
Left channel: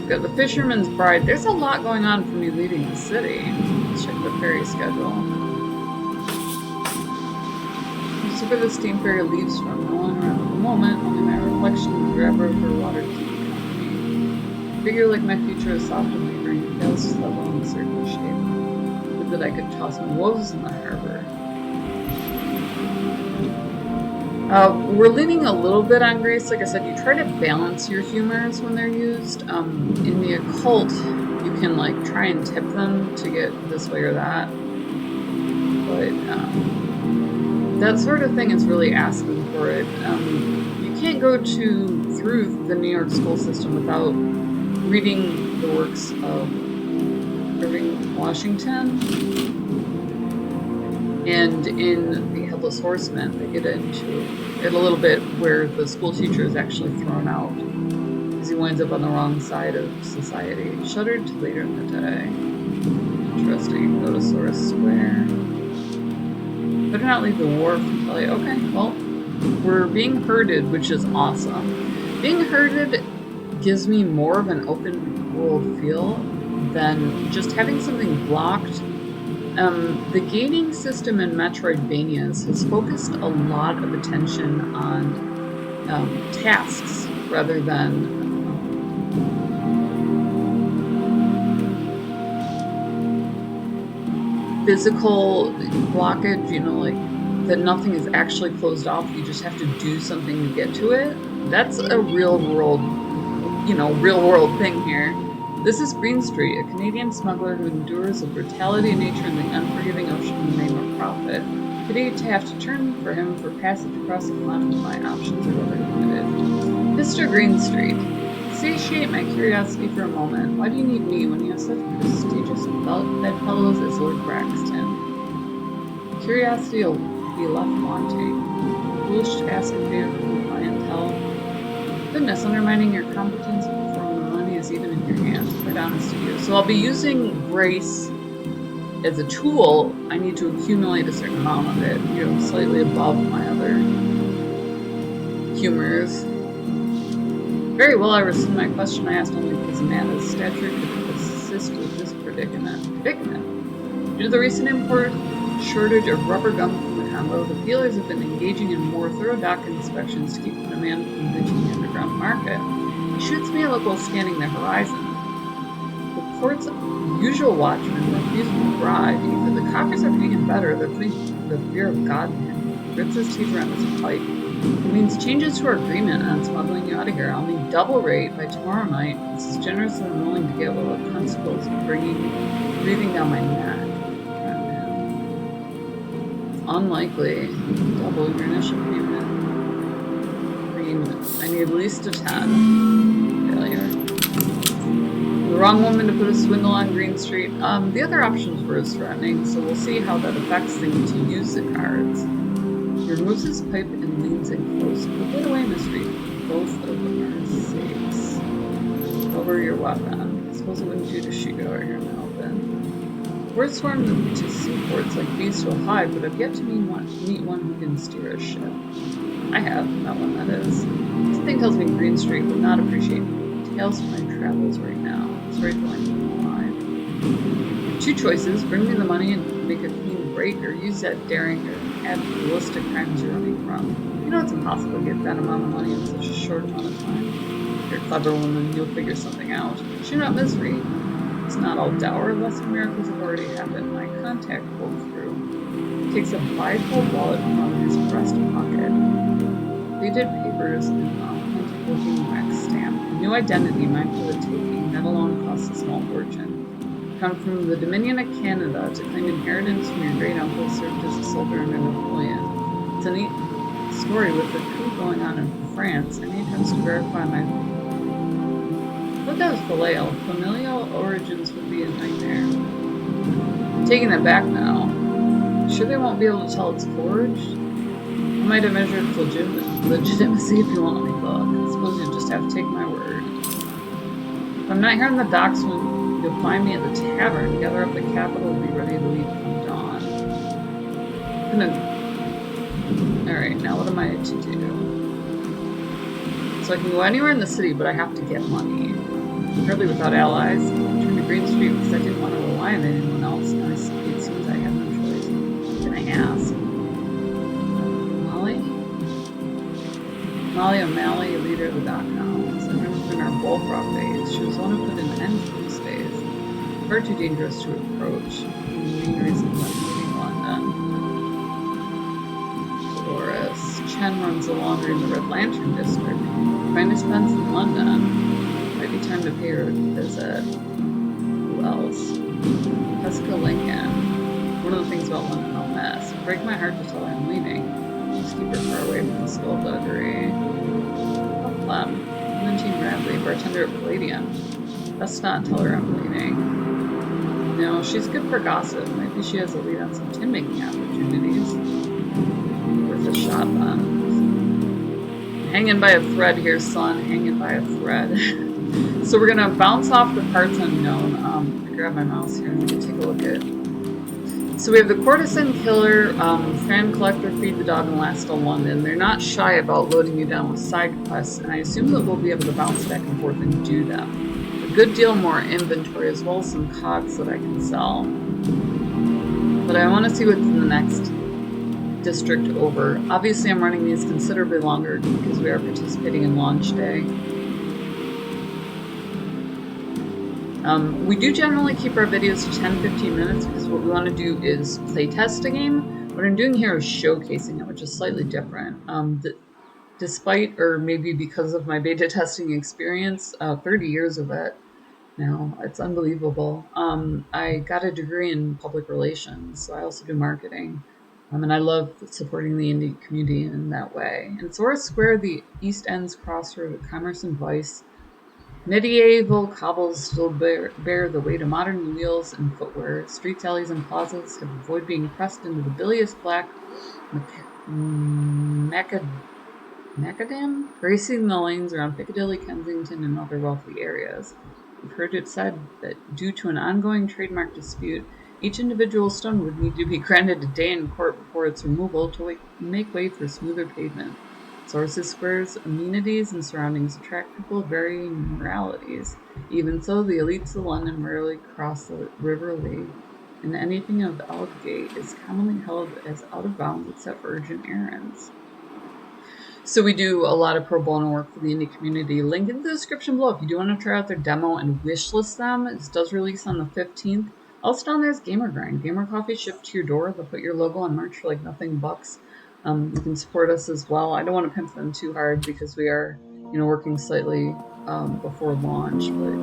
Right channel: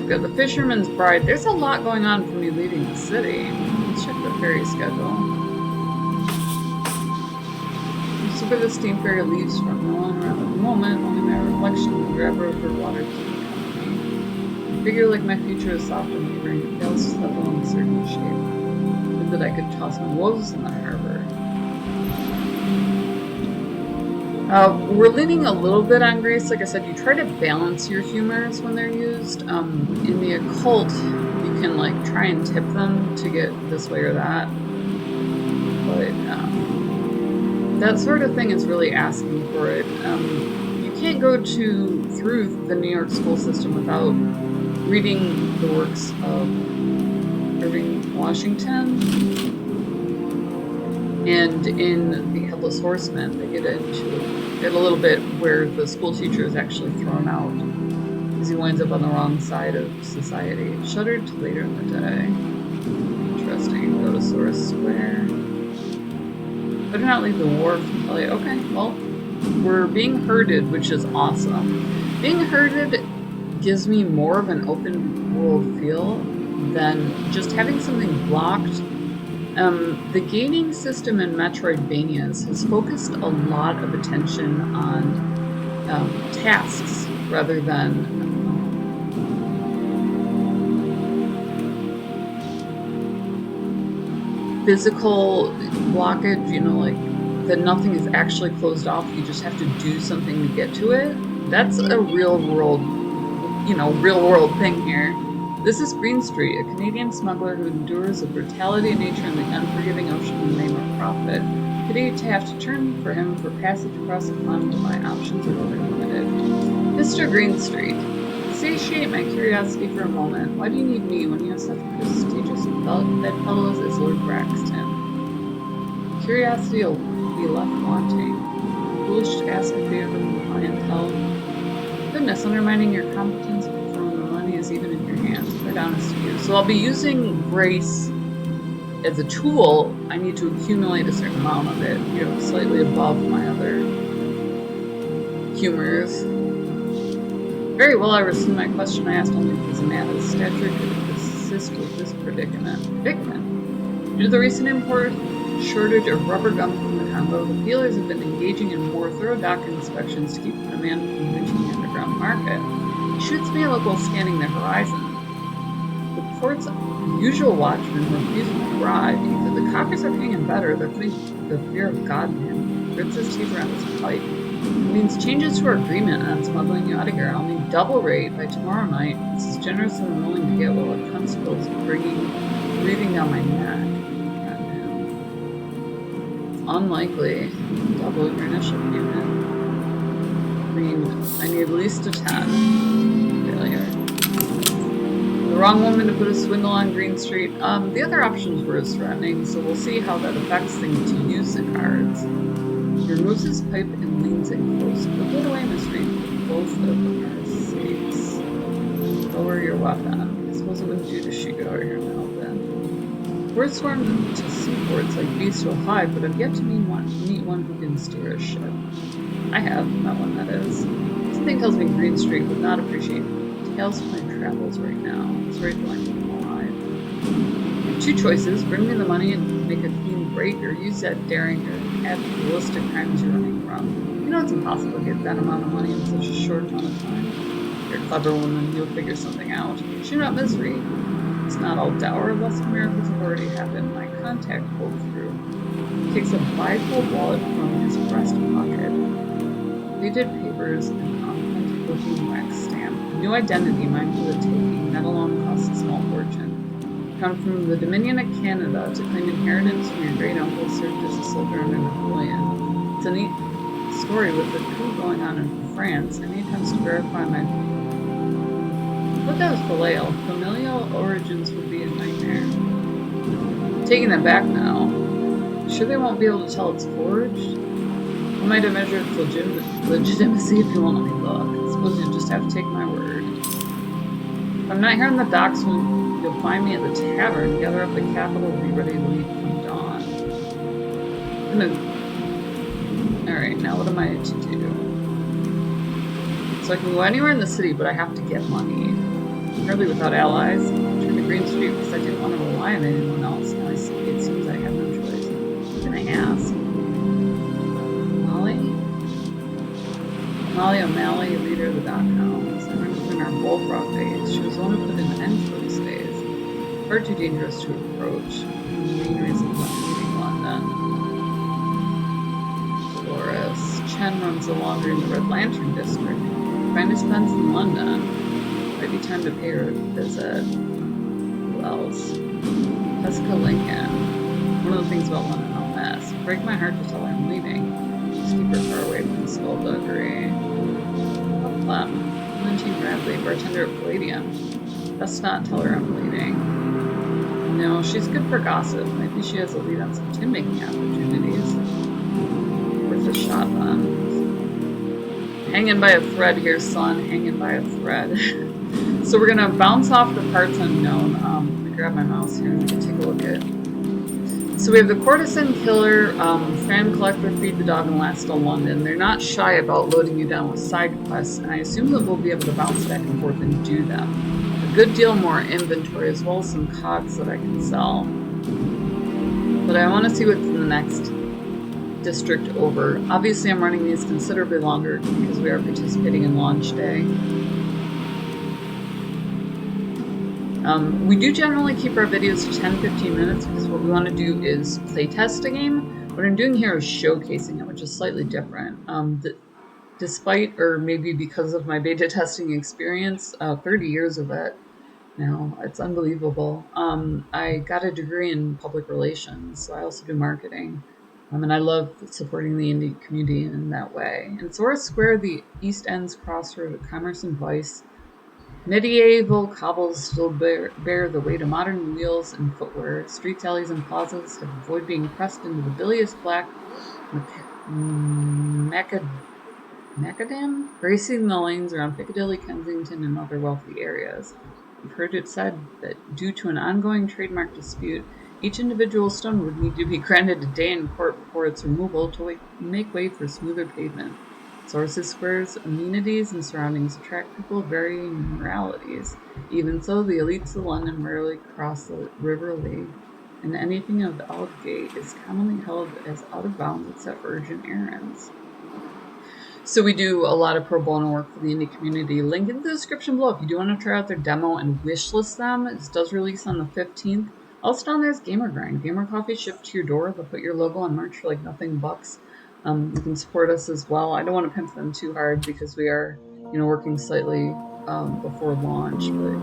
Got the fisherman's bride. There's a lot going on for me leaving the city. Let's check the ferry schedule. See where the steam ferry leaves from. No one around at the moment, only my reflection in the driver of her water-keeping company. I figure like my future is soft and wavering. It fails to settle in a certain shape. Would that I could toss my woes in the harbor. We're leaning a little bit on grace. Like I said, you try to balance your humors when they're used. In the occult, you can like try and tip them to get this way or that. But that sort of thing is really asking for it. You can't go through the New York school system without reading the works of Irving Washington. And in The Headless Horseman, they get into it a little bit where the school teacher is actually thrown out because he winds up on the wrong side of society. Shuddered to later in the day. Interesting. Go to Source Square. Better not leave the wharf until okay, well, we're being herded, which is awesome. Being herded gives me more of an open world feel than just having something blocked. The gating system in Metroidvanias has focused a lot of attention on tasks rather than physical blockage, you know, like that nothing is actually closed off, you just have to do something to get to it. That's a real world thing here. This is Green Street, a Canadian smuggler who endures the brutality of nature and the unforgiving ocean in the name of profit. Pity to have to turn for him for passage across the pond, but my options are rather limited. Mr. Green Street, satiate my curiosity for a moment. Why do you need me when you have such prestigious bedfellows as Lord Braxton? Curiosity will be left wanting. Foolish to ask a favor from clientele. Goodness, undermining your competence from the money is even in your hands. Quite honest to you. So I'll be using grace as a tool. I need to accumulate a certain amount of it, you know, slightly above my other humors. Very well, I rescind my question. I asked only because Amanda's stature could assist with this predicament. Due to the recent import shortage of rubber gum from the Congo, the dealers have been engaging in more thorough dock inspections to keep the demand from reaching the underground market. He shoots me a look while scanning the horizon. The port's usual watchmen refuse my bribe. Either the coppers are paying him better, or they're putting the fear of God in him. He grips his teeth around his pipe. It means changes to our agreement on smuggling you out of here. I'll need double rate by tomorrow night. It's as generous as I'm willing to get while the constable's breathing down my neck. Unlikely. Double your initial payment. I mean, I need at least a 10. Failure. I'm the wrong woman to put a swindle on Green Street. The other options were as threatening, so we'll see how that affects things to use the cards. He removes his pipe and leans in close. Put that away, Miss Reed, for both of our sakes. Lower your weapon. I suppose it wouldn't do to shoot you out here in the open. We're swarmed to seaports like beasts will hide, but I've yet to meet one who can steer a ship. I have, met one that is. Something tells me Green Street would not appreciate tales of my travels right now. Sorry till I need him alive. You have two choices: bring me the money and make a clean break, or use that daring or add to the list of crimes you're running from. You know it's impossible to get that amount of money in such a short amount of time. You're a clever woman, you'll figure something out. Shoot out misery. It's not all dour. Lesser miracles have already happened. My contact pulled through. He takes a bifold wallet from his breast pocket. Faded papers and an authentic-looking wax stamp. A new identity, mine for the taking. That alone costs a small fortune. Come from the Dominion of Canada to claim inheritance from your great uncle served as a soldier under Napoleon. It's a neat story with the coup going on in France. Any attempts to verify my... But that was Faleo. Familial origins would be a nightmare. I'm taking that back now. Sure they won't be able to tell it's forged? I might have measured its legitimacy if you won't let me look. I suppose you'll just have to take my word. If I'm not here on the docks when you'll find me at the tavern, gather up the capital, be ready to leave come dawn. Alright, now what am I to do? So I can go anywhere in the city, but I have to get money. Hardly without allies. Return to Green Street because I didn't want to rely on anyone else. Now it seems I have no choice. Who can I ask? Molly? Molly O'Malley, leader of the dot-coms. I remember in our bullfrog days. She was the one who put an end to those days. Far too dangerous to approach. The main reasons I'm leaving London. Dolores. Chen runs the laundry in the Red Lantern district. Finest pens in London. Might be time to pay her a visit. Who else? Jessica Lincoln. One of the things about London I'll miss. Break my heart to tell her I'm leaving. Just keep her far away from the skullduggery. Plum. Clementine Bradley, bartender at Palladium. Best not tell her I'm leaving. No, she's good for gossip. Might be she has a lead on some tin-making opportunities. Worth a shot then. So, hanging by a thread here, son. Hanging by a thread. So we're gonna bounce off the parts unknown. Let me grab my mouse here and we can take a look at. So we have the Courtesan Killer, Fan Collector, Feed the Dog, and Last of London. They're not shy about loading you down with side quests, and I assume that we'll be able to bounce back and forth and do them. A good deal more inventory as well as some cogs that I can sell. But I want to see what's in the next district over. Obviously I'm running these considerably longer because we are participating in launch day. We do generally keep our videos to 10-15 minutes because what we want to do is playtest a game. What I'm doing here is showcasing it, which is slightly different. Despite, or maybe because of my beta testing experience, 30 years of it now, it's unbelievable. I got a degree in public relations, so I also do marketing. And I love supporting the indie community in that way. And Sora Square, the East End's crossroad of commerce and vice, medieval cobbles still bear the weight of modern wheels and footwear. Streets, alleys, and plazas have avoided being pressed into the bilious black macadam, gracing the lanes around Piccadilly, Kensington, and other wealthy areas. We've heard it said that due to an ongoing trademark dispute, each individual stone would need to be granted a day in court before its removal to make way for smoother pavement. Sources Square's amenities and surroundings attract people of varying moralities. Even so, the elites of London rarely cross the River Lee, and anything of Aldgate is commonly held as out of bounds except for urgent errands. So we do a lot of pro bono work for the indie community. Link in the description below if you do want to try out their demo and wishlist them. It does release on the 15th. Also down there is Gamer Grind. Gamer Coffee shipped to your door. They'll put your logo on merch for like nothing bucks. You can support us as well. I don't want to pimp them too hard because we are, working slightly before launch, but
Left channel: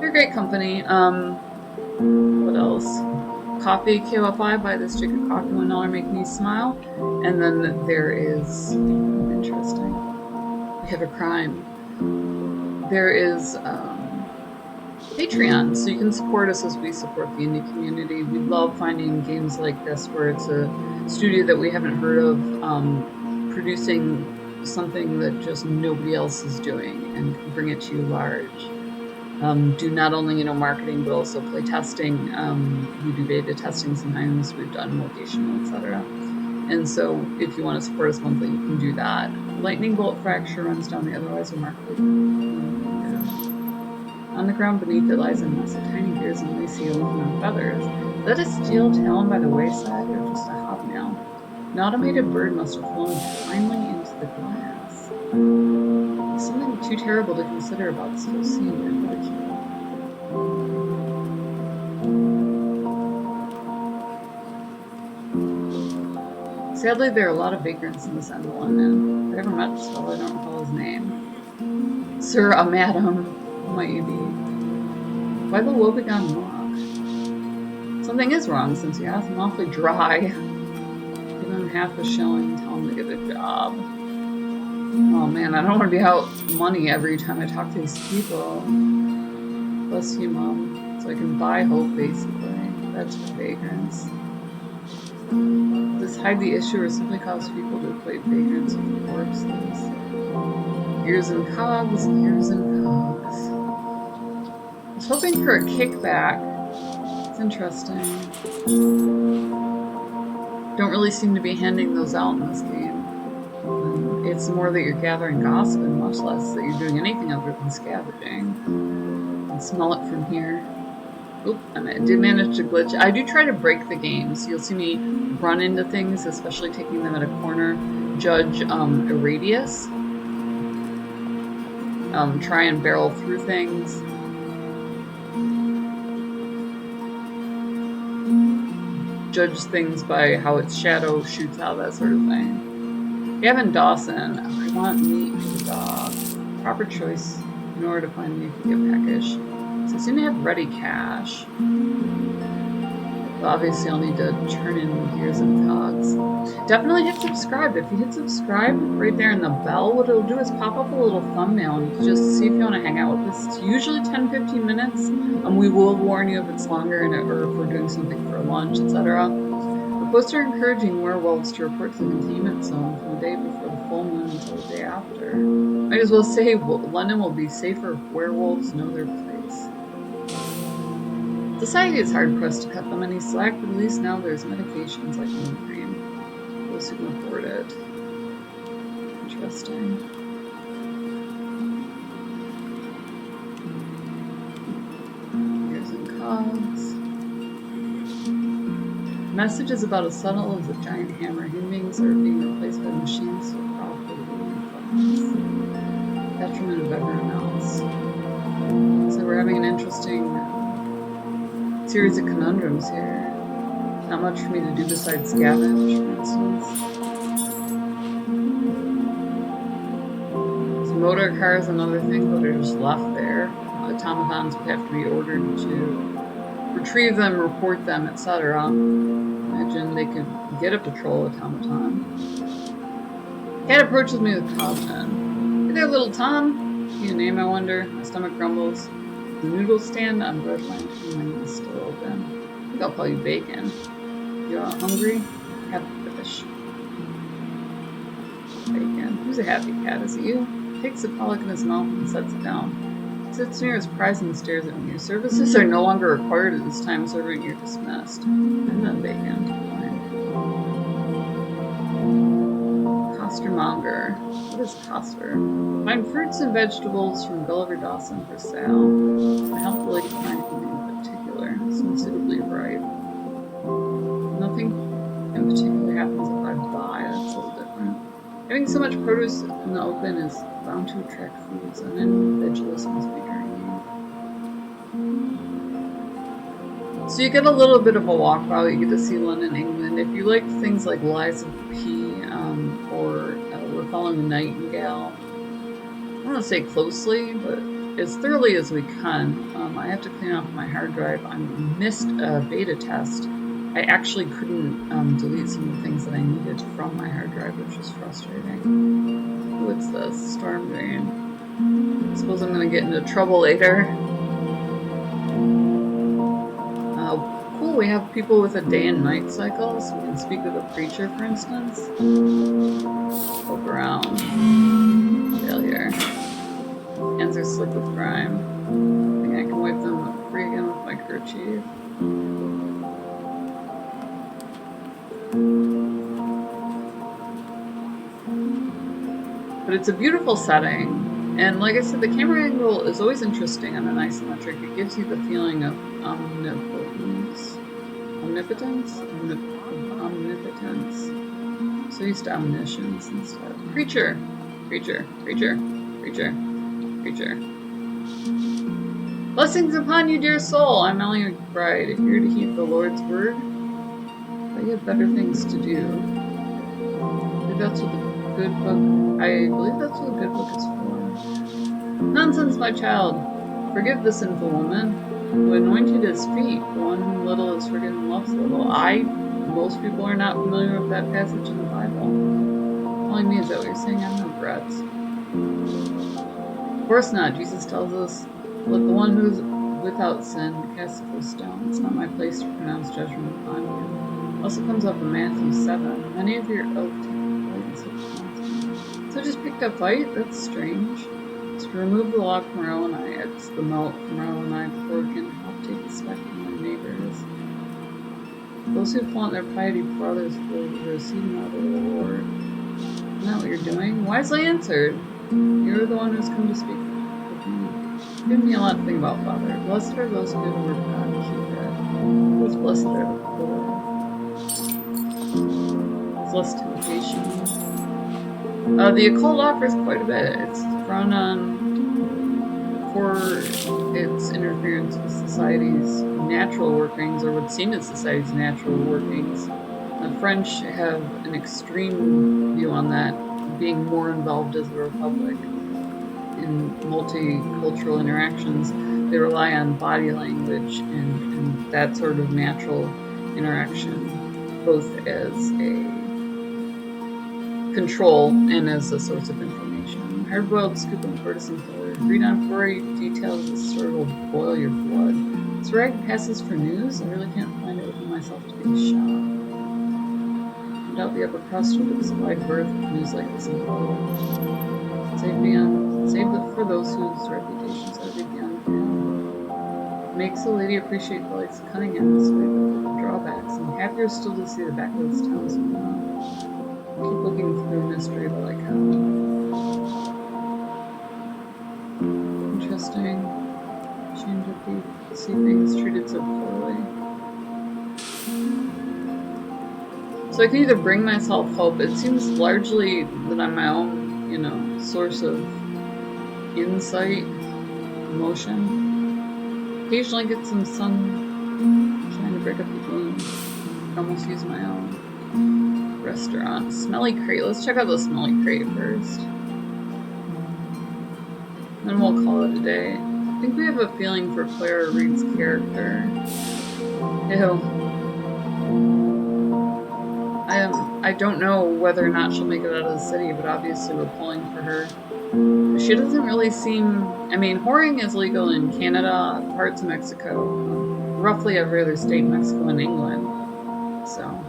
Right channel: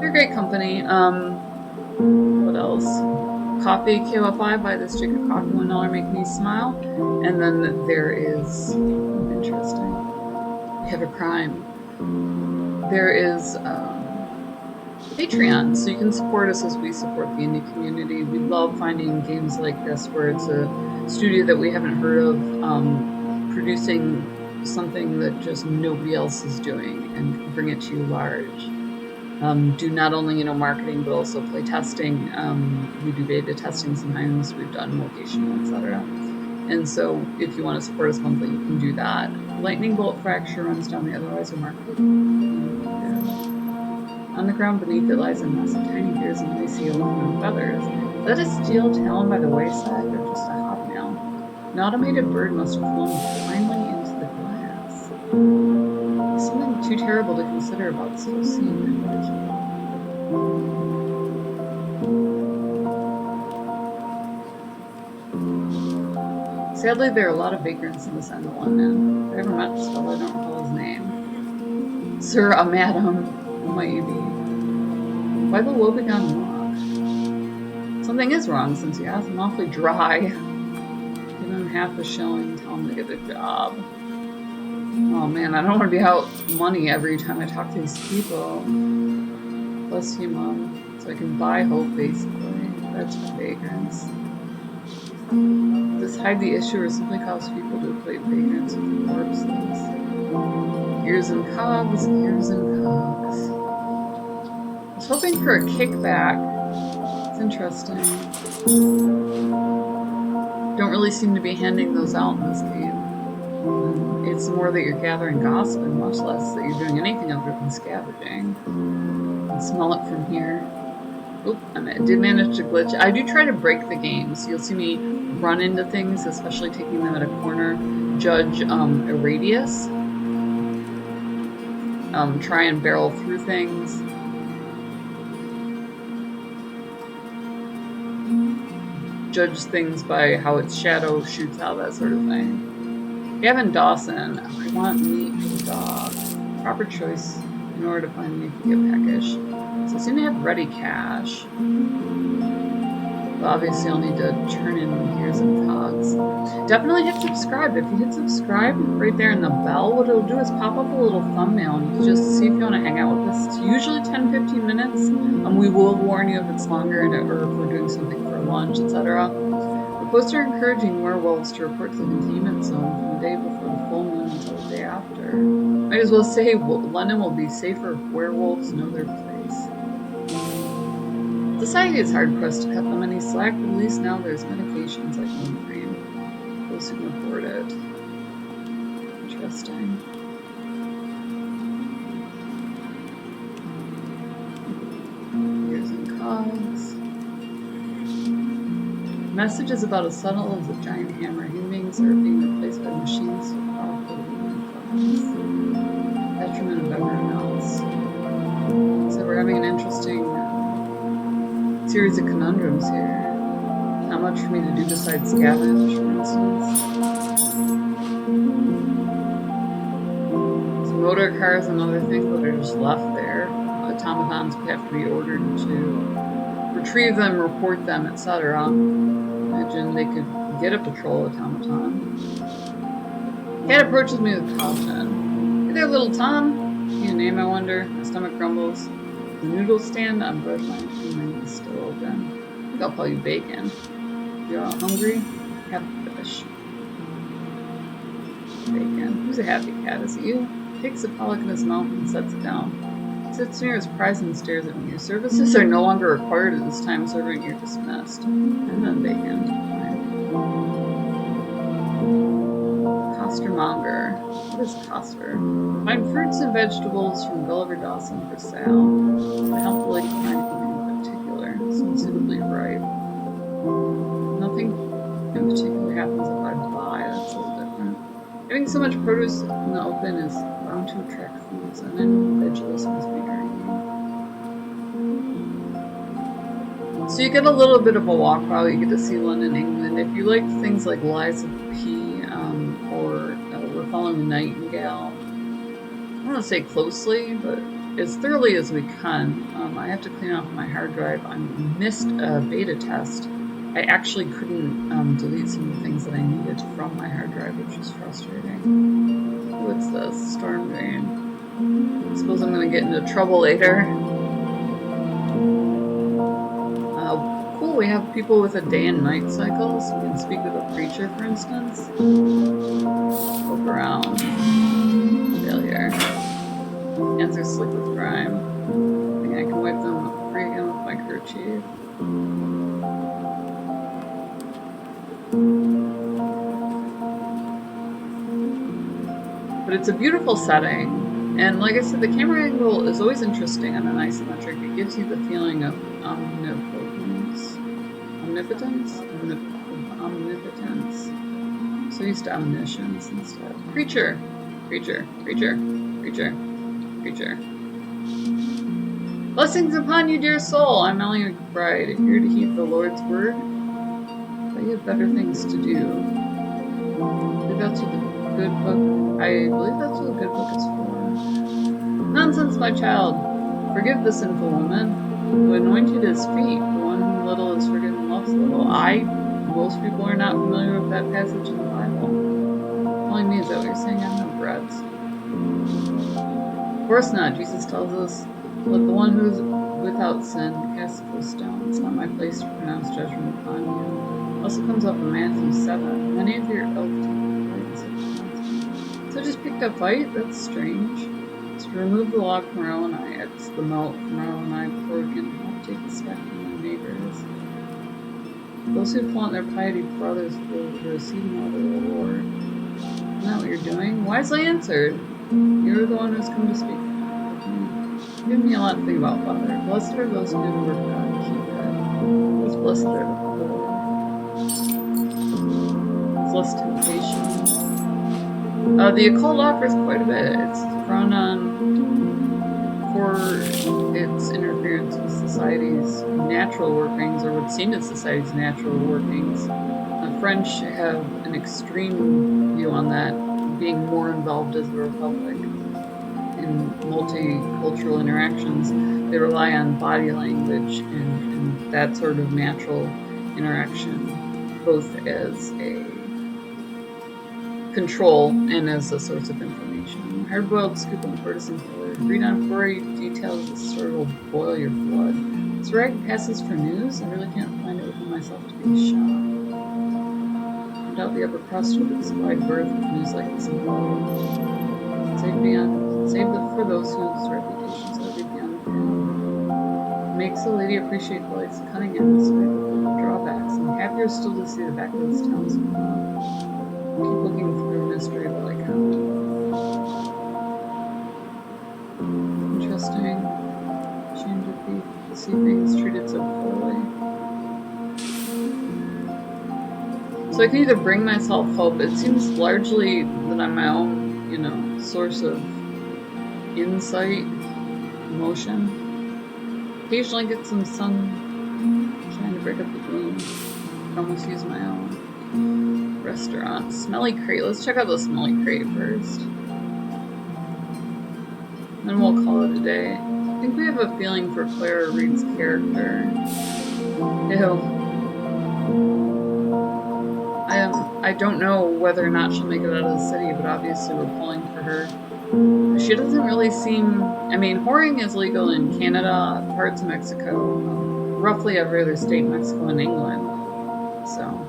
they're a great company. What else? Coffee, KOFI, buy this chicken coffee, $1, make me smile. And then there is, interesting, we have a crime. There is Patreon, so you can support us as we support the indie community. We love finding games like this where it's a studio that we haven't heard of producing something that just nobody else is doing and bring it to you large. Do not only marketing but also play testing. We do beta testing sometimes. We've done locational, etc. And so if you want to support us monthly, you can do that. Lightning bolt fracture runs down the otherwise remarkably. On the ground beneath it lies a mass of tiny gears and lacy aluminum feathers. Is that a steel talon by the wayside or just a hobnail? An automated bird must have flown blindly into the glass. There's something too terrible to consider about this whole scene. I better keep on. Sadly, there are a lot of vagrants in this end of London. If I ever met this fellow, I don't recall his name. Sir, a madam. Who might you be? Why the woebegone look? Something is wrong since you asked him awfully dry. Give him half a shilling, tell him to get a job. Oh man, I don't want to be out money every time I talk to these people. Bless you, Mom. So I can buy hope, basically. That's for vagrants. Does this hide the issue or simply cause people to equate vagrants with corpses? Gears and cogs, gears and cogs. I was hoping for a kickback. It's interesting. Don't really seem to be handing those out in this game. It's more that you're gathering gossip and much less that you're doing anything other than scavenging. I can smell it from here. Oop, I did manage to glitch. I do try to break the game, so you'll see me run into things, especially taking them at a corner, judge a radius, try and barrel through things. Judge things by how its shadow shoots out, that sort of thing. Gavin Dawson, I want meat for the dog. Proper choice in order to find me could get peckish. So I seem to have ready cash. But obviously I'll need to turn in the gears and cogs. Definitely hit subscribe. If you hit subscribe right there in the bell, what it'll do is pop up a little thumbnail and you can just see if you want to hang out with us. It's usually 10-15 minutes. We will warn you if it's longer or if we're doing something for lunch, etc. The posts are encouraging werewolves to report to the containment zone from the day before the full moon until the day after. Might as well say London will be safer if werewolves know their place. Society is hard-pressed to cut them any slack, but at least now there's medications like moon cream. Those who can afford it. Interesting. Gears and cogs. Messages about as subtle as a giant hammer. Human beings are being replaced by machines so profitably class. Detriment of everyone else. So we're having an interesting series of conundrums here. Not much for me to do besides scavenge, for instance. So motor cars and other things that are just left there. Automatons would have to be ordered to retrieve them, report them, etc. Imagine they could get a patrol automaton. Cat approaches me with caution. Hey there, little Tom. Need a name, I wonder? My stomach grumbles. The noodle stand on bread lantern, my knees still open. I think I'll call you Bacon. You all hungry? Have a fish. Bacon. Who's a happy cat? Is it you? Takes a pollock in his mouth and sets it down. He sits near his prize and stares at me. Your services are no longer required at this time, serving you're dismissed. I'm not Bacon. Costermonger. What is coster? Find fruits and vegetables from Gulliver Dawson for sale. I help the lady find anything in particular. Some suitably ripe. Nothing in particular happens if I buy. That's a little different. Having so much produce in the open is bound to attract fools, and any vegetables must be draining. So you get a little bit of a walkabout. You get to see London, England. If you like things like Lies of P, or We're Following the Nightingale, I don't want to say closely, but as thoroughly as we can. I have to clean off my hard drive. I missed a beta test. I actually couldn't delete some of the things that I needed from my hard drive, which was frustrating. What's this? Storm drain. I suppose I'm going to get into trouble later. Cool, we have people with a day and night cycle, so we can speak with a creature, for instance. Poke around. Failure. Hands are slick with grime. I think I can wipe them free again with my kerchief. But it's a beautiful setting. And like I said, the camera angle is always interesting on an isometric. It gives you the feeling of omnipotence. Omnipotence? Omnipotence. I'm so used to omniscience instead. Creature. Creature. Creature. Creature. Creature. Blessings upon you, dear soul. I'm Aliera of Wayrest, here to heed the Lord's word. But you have better things to do. I believe that's what the good book is for. Nonsense, my child. Forgive the sinful woman who anointed his feet. The one whom little is forgiven loves little. Most people are not familiar with that passage in the Bible. Telling me, is that what you're saying? I have no regrets. Of course not. Jesus tells us, let the one who is without sin cast the first stone. It's not my place to pronounce judgment upon you. It also comes up in Matthew 7. Many of your elk so just picked up fight? That's strange. To remove the log from our own eye, it's the melt from our own eye before we can help take the speck from our neighbors. Those who flaunt their piety before others will receive no other reward. Isn't that what you're doing? Wisely answered. You're the one who's come to speak with me. Give me a lot to think about, Father. Blessed are those who do the word of God and keep it. Who's blessed are the poor. There's less temptation. The occult offers quite a bit. It's run on for its interference with society's natural workings, or what's seen as society's natural workings. The French have an extreme view on that, being more involved as a republic in multicultural interactions. They rely on body language and that sort of natural interaction, both as a control and as a source of information. Hard-boiled scoop on the Courtesan killer. Read on gory details that sort of will boil your blood. This rag passes for news. I really can't find it within myself to be shocked. No doubt the upper crust with its wide berth of news like this in below. Save it for those whose reputations are beyond pale. Makes a lady appreciate the lights of Cunningham despite the drawbacks, and happier still to see the back of this town somehow. Keep looking through mystery while I can. Interesting. Shame to see things treated so poorly. So I can either bring myself hope. It seems largely that I'm my own, source of insight, emotion. Occasionally get some sun trying to break up the gloom. I can almost use my own. Restaurant. Smelly crate. Let's check out the smelly crate first. Then we'll call it a day. I think we have a feeling for Clara Reed's character. Ew. I don't know whether or not she'll make it out of the city, but obviously we're pulling for her. She doesn't really seem... whoring is legal in Canada, parts of Mexico, roughly every other state in Mexico and England. So...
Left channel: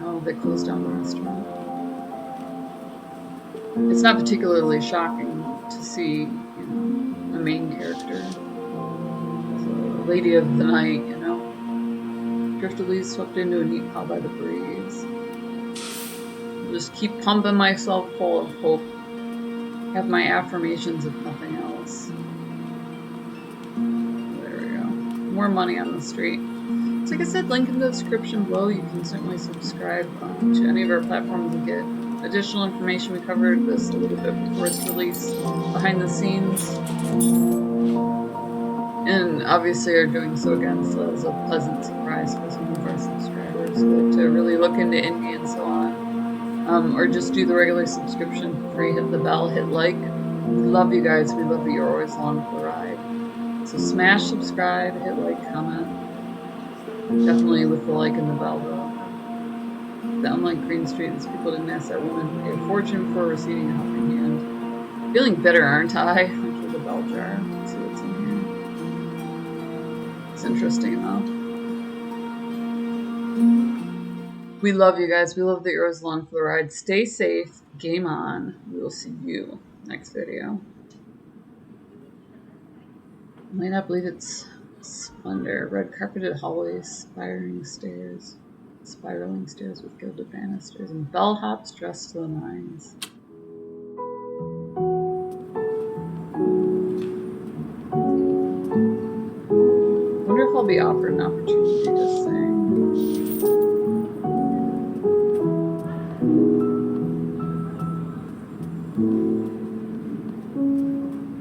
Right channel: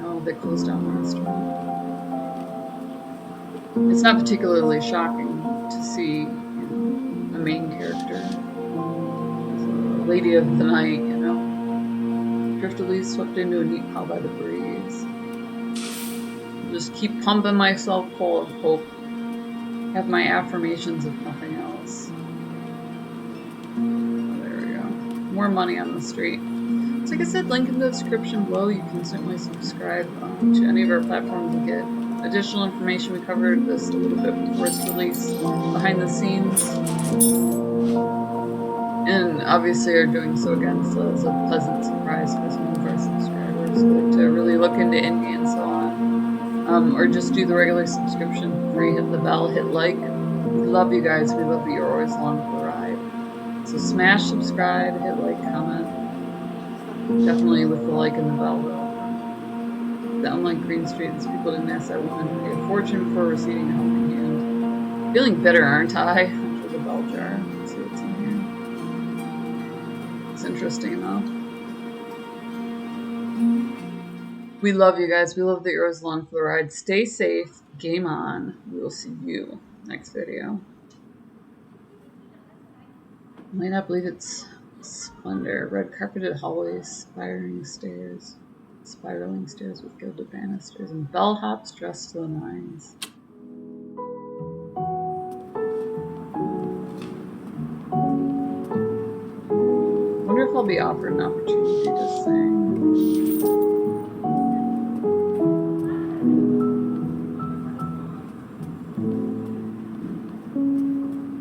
Oh, they closed down the restaurant. It's not particularly shocking to see, a main character as a lady of the night, driftily swept into a neat pile by the breeze. I'll just keep pumping myself full of hope. Have my affirmations if nothing else. Oh, there we go. More money on the street. So like I said, link in the description below. You can certainly subscribe to any of our platforms and get additional information. We covered this a little bit before its release, behind the scenes. And obviously are doing so again, so as a pleasant surprise for some of our subscribers who like to really look into indie and so on. Or just do the regular subscription for free, hit the bell, hit like. We love you guys. We love that you're always along for the ride. So smash subscribe, hit like, comment. Definitely with the like and the bell, though. That unlike Green Street, these people didn't ask that woman to pay a fortune for receiving a helping hand. Feeling bitter, aren't I? Enter the bell jar. Let's see what's in here. It's interesting, though. We love you guys. We love that you're always along for the ride. Stay safe. Game on. We will see you next video. You might not believe its splendor. Red carpeted hallways, spiraling stairs with gilded banisters, and bellhops dressed to the nines. Wonder if I'll be offered an opportunity to sing.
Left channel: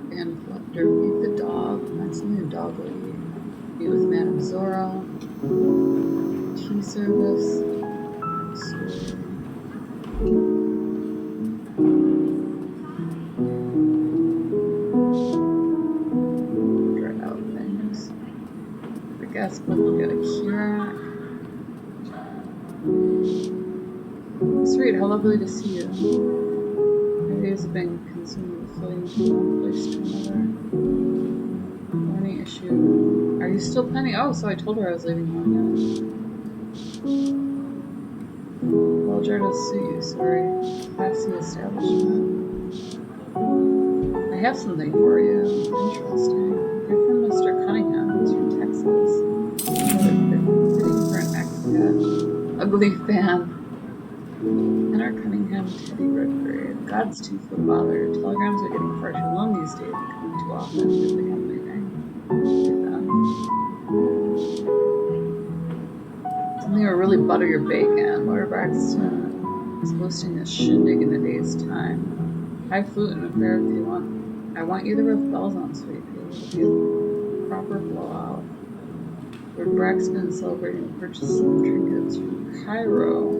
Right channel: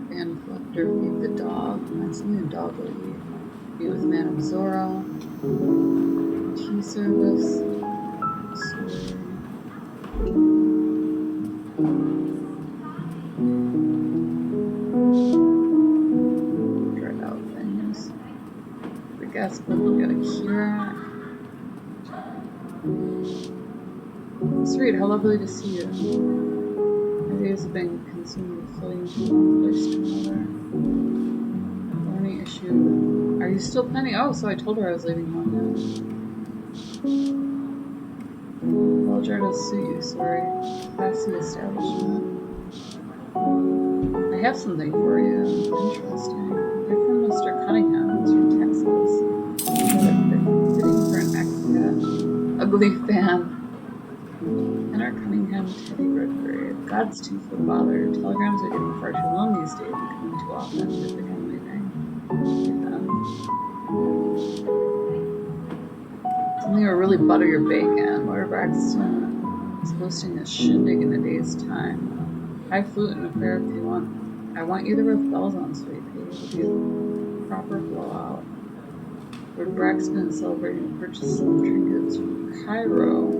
Band collector, feed the dog. Find something the dog will eat. Meet with Man of Zora. Tea service. Dread out things. The guest book, we got a Clara. Sweet, how lovely to see you. My days have been consumed with floating from one place to another. Thorny issue. Are you still planning? Oh, so I told her I was leaving London. Well, Jared will suit you, sorry. Classy establishment. I have something for you. Interesting. You're from Mr. Cunningham. He's from Texas. Got it fitting for an expat. Ugly fan. Henry Cunningham, Teddy Redgrave. God's too full of bother. Telegrams are getting far too long these days and coming too often. Good thing I'm leaving. Get them. Something will really butter your bacon. Laura Braxton is hosting a shindig in a day's time. Highfalutin affair if you want. I want you there with bells on, sweet pea. It'll be a proper blowout. Lord Braxton is celebrating the purchase of trinkets from Cairo.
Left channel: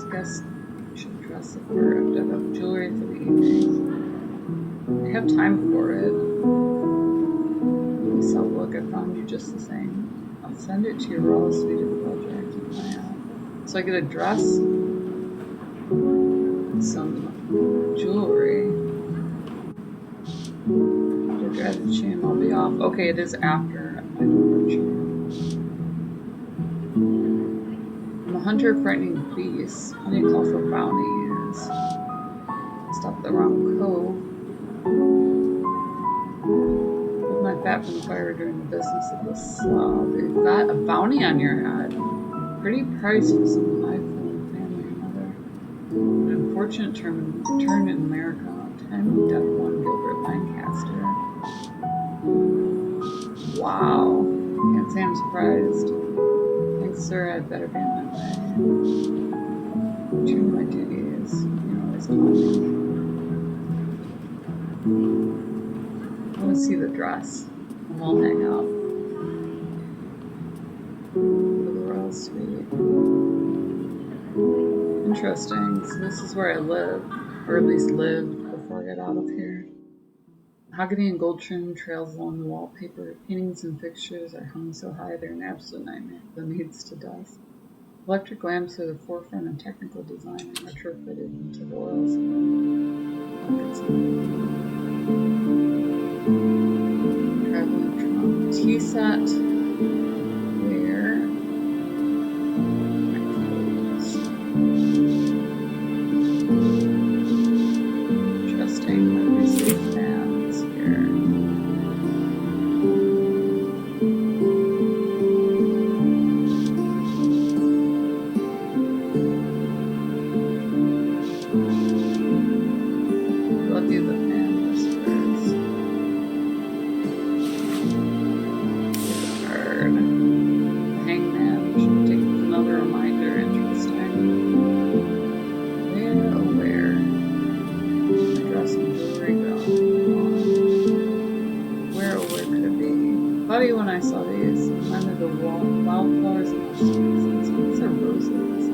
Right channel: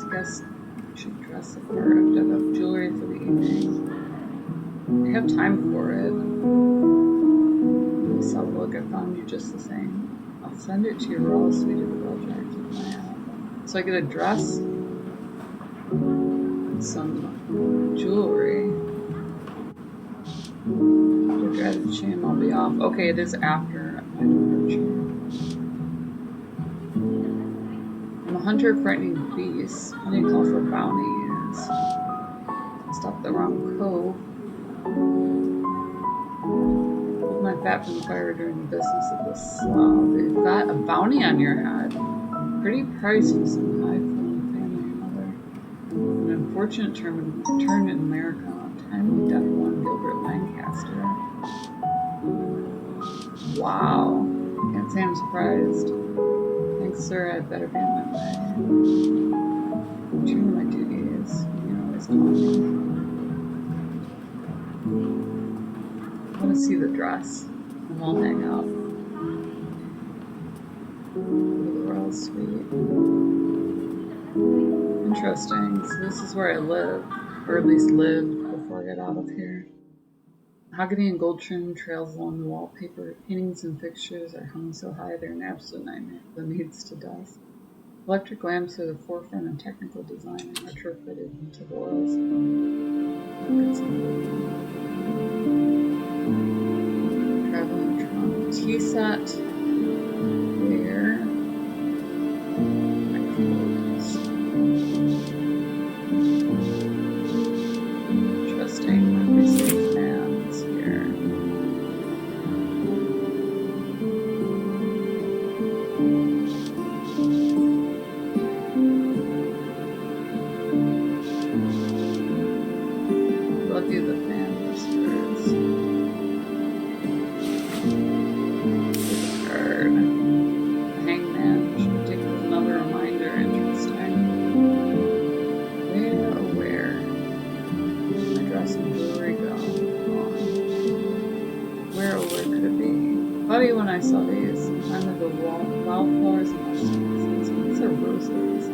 I guess you should dress the part. I have to have enough jewelry for the evening. I have time for it. At least I'll look. I found you just the same. I'll send it to your royal suite at the bell jar. Keep an eye out. So I get a dress, some jewelry. The dreaded shame, I'll be off. Okay, it is after my departure. I'm a hunter of frightening beasts. Plenty of call for bounties. Stop the wrong cove. Hold my fat from the fire during the business of the slough. You've got a bounty on your head. Pretty price for some high-flown family or mother. An unfortunate turn in America. Timely death one Gilbert Lancaster. Wow. Can't say I'm surprised. Thanks, sir. I'd better be on my way. Return to my duties. You can always call me. I want to see the dress, and we'll hang out. Go to the royal suite. Interesting. So this is where I live, or at least lived before I got out of here. Mahogany and gold trim trails along the wallpaper. Paintings and fixtures are hung so high they're an absolute nightmare. The meads to dust. Electric lamps are the forefront of technical design and retrofitted into the walls. Traveling trunk. Tea set. There. My clothes. Interesting. My resafe fans here. Love you, the fan whispers. Here's a card. The hangman should take another reminder. Interesting. Where, oh where? My dress and jewelry go on. Where, oh where could it be? Funny when I saw these. Reminded the wildflowers and mustaches. These are roses.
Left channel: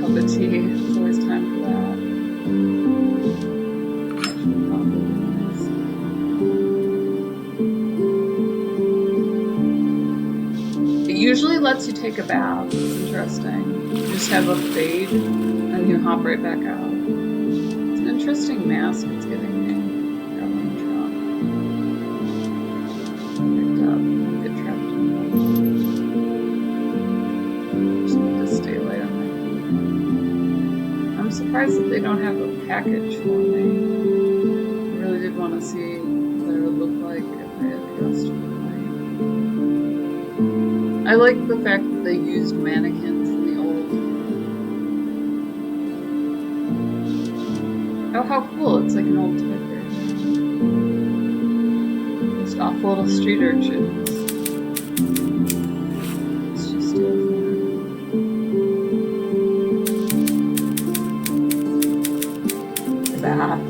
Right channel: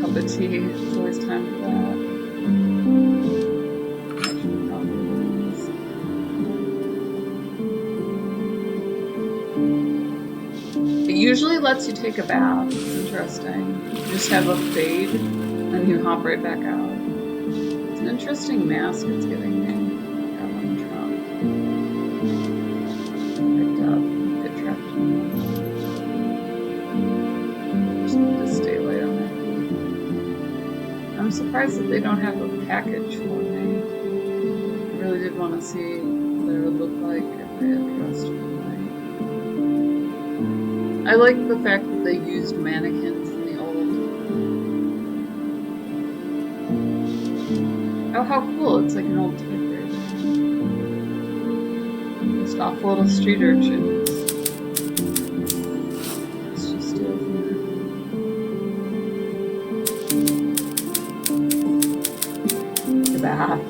Cup of tea. It's always time for that. Actually, coffee beans. It usually lets you take a bath. It's interesting. You just have a fade and you hop right back out. It's an interesting mask it's giving me. Traveling trunk. surprised that they don't have a package for me. I really did want to see what it would look like if I had dressed for the night. I like the fact that they used mannequins in the old. Oh, how cool! It's like an old typewriter. Just awful little street urchins. Let's just steal from her. Bath.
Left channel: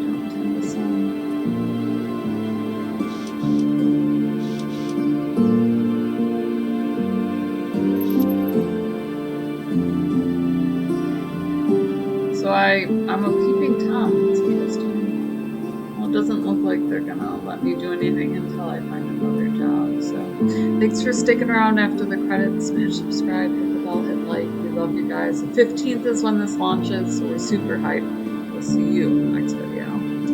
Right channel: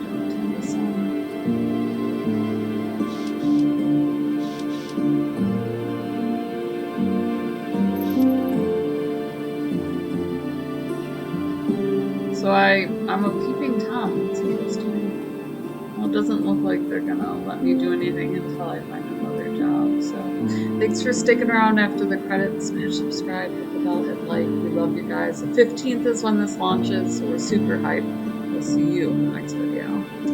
Don't tend the sun. So I'm a peeping Tom. It's interesting. Well, it doesn't look like they're gonna let me do anything until I find another job. So thanks for sticking around after the credits. Smash subscribe, hit the bell, hit like. We love you guys. The 15th is when this launches, so we're super hyped. We'll see you in the next video.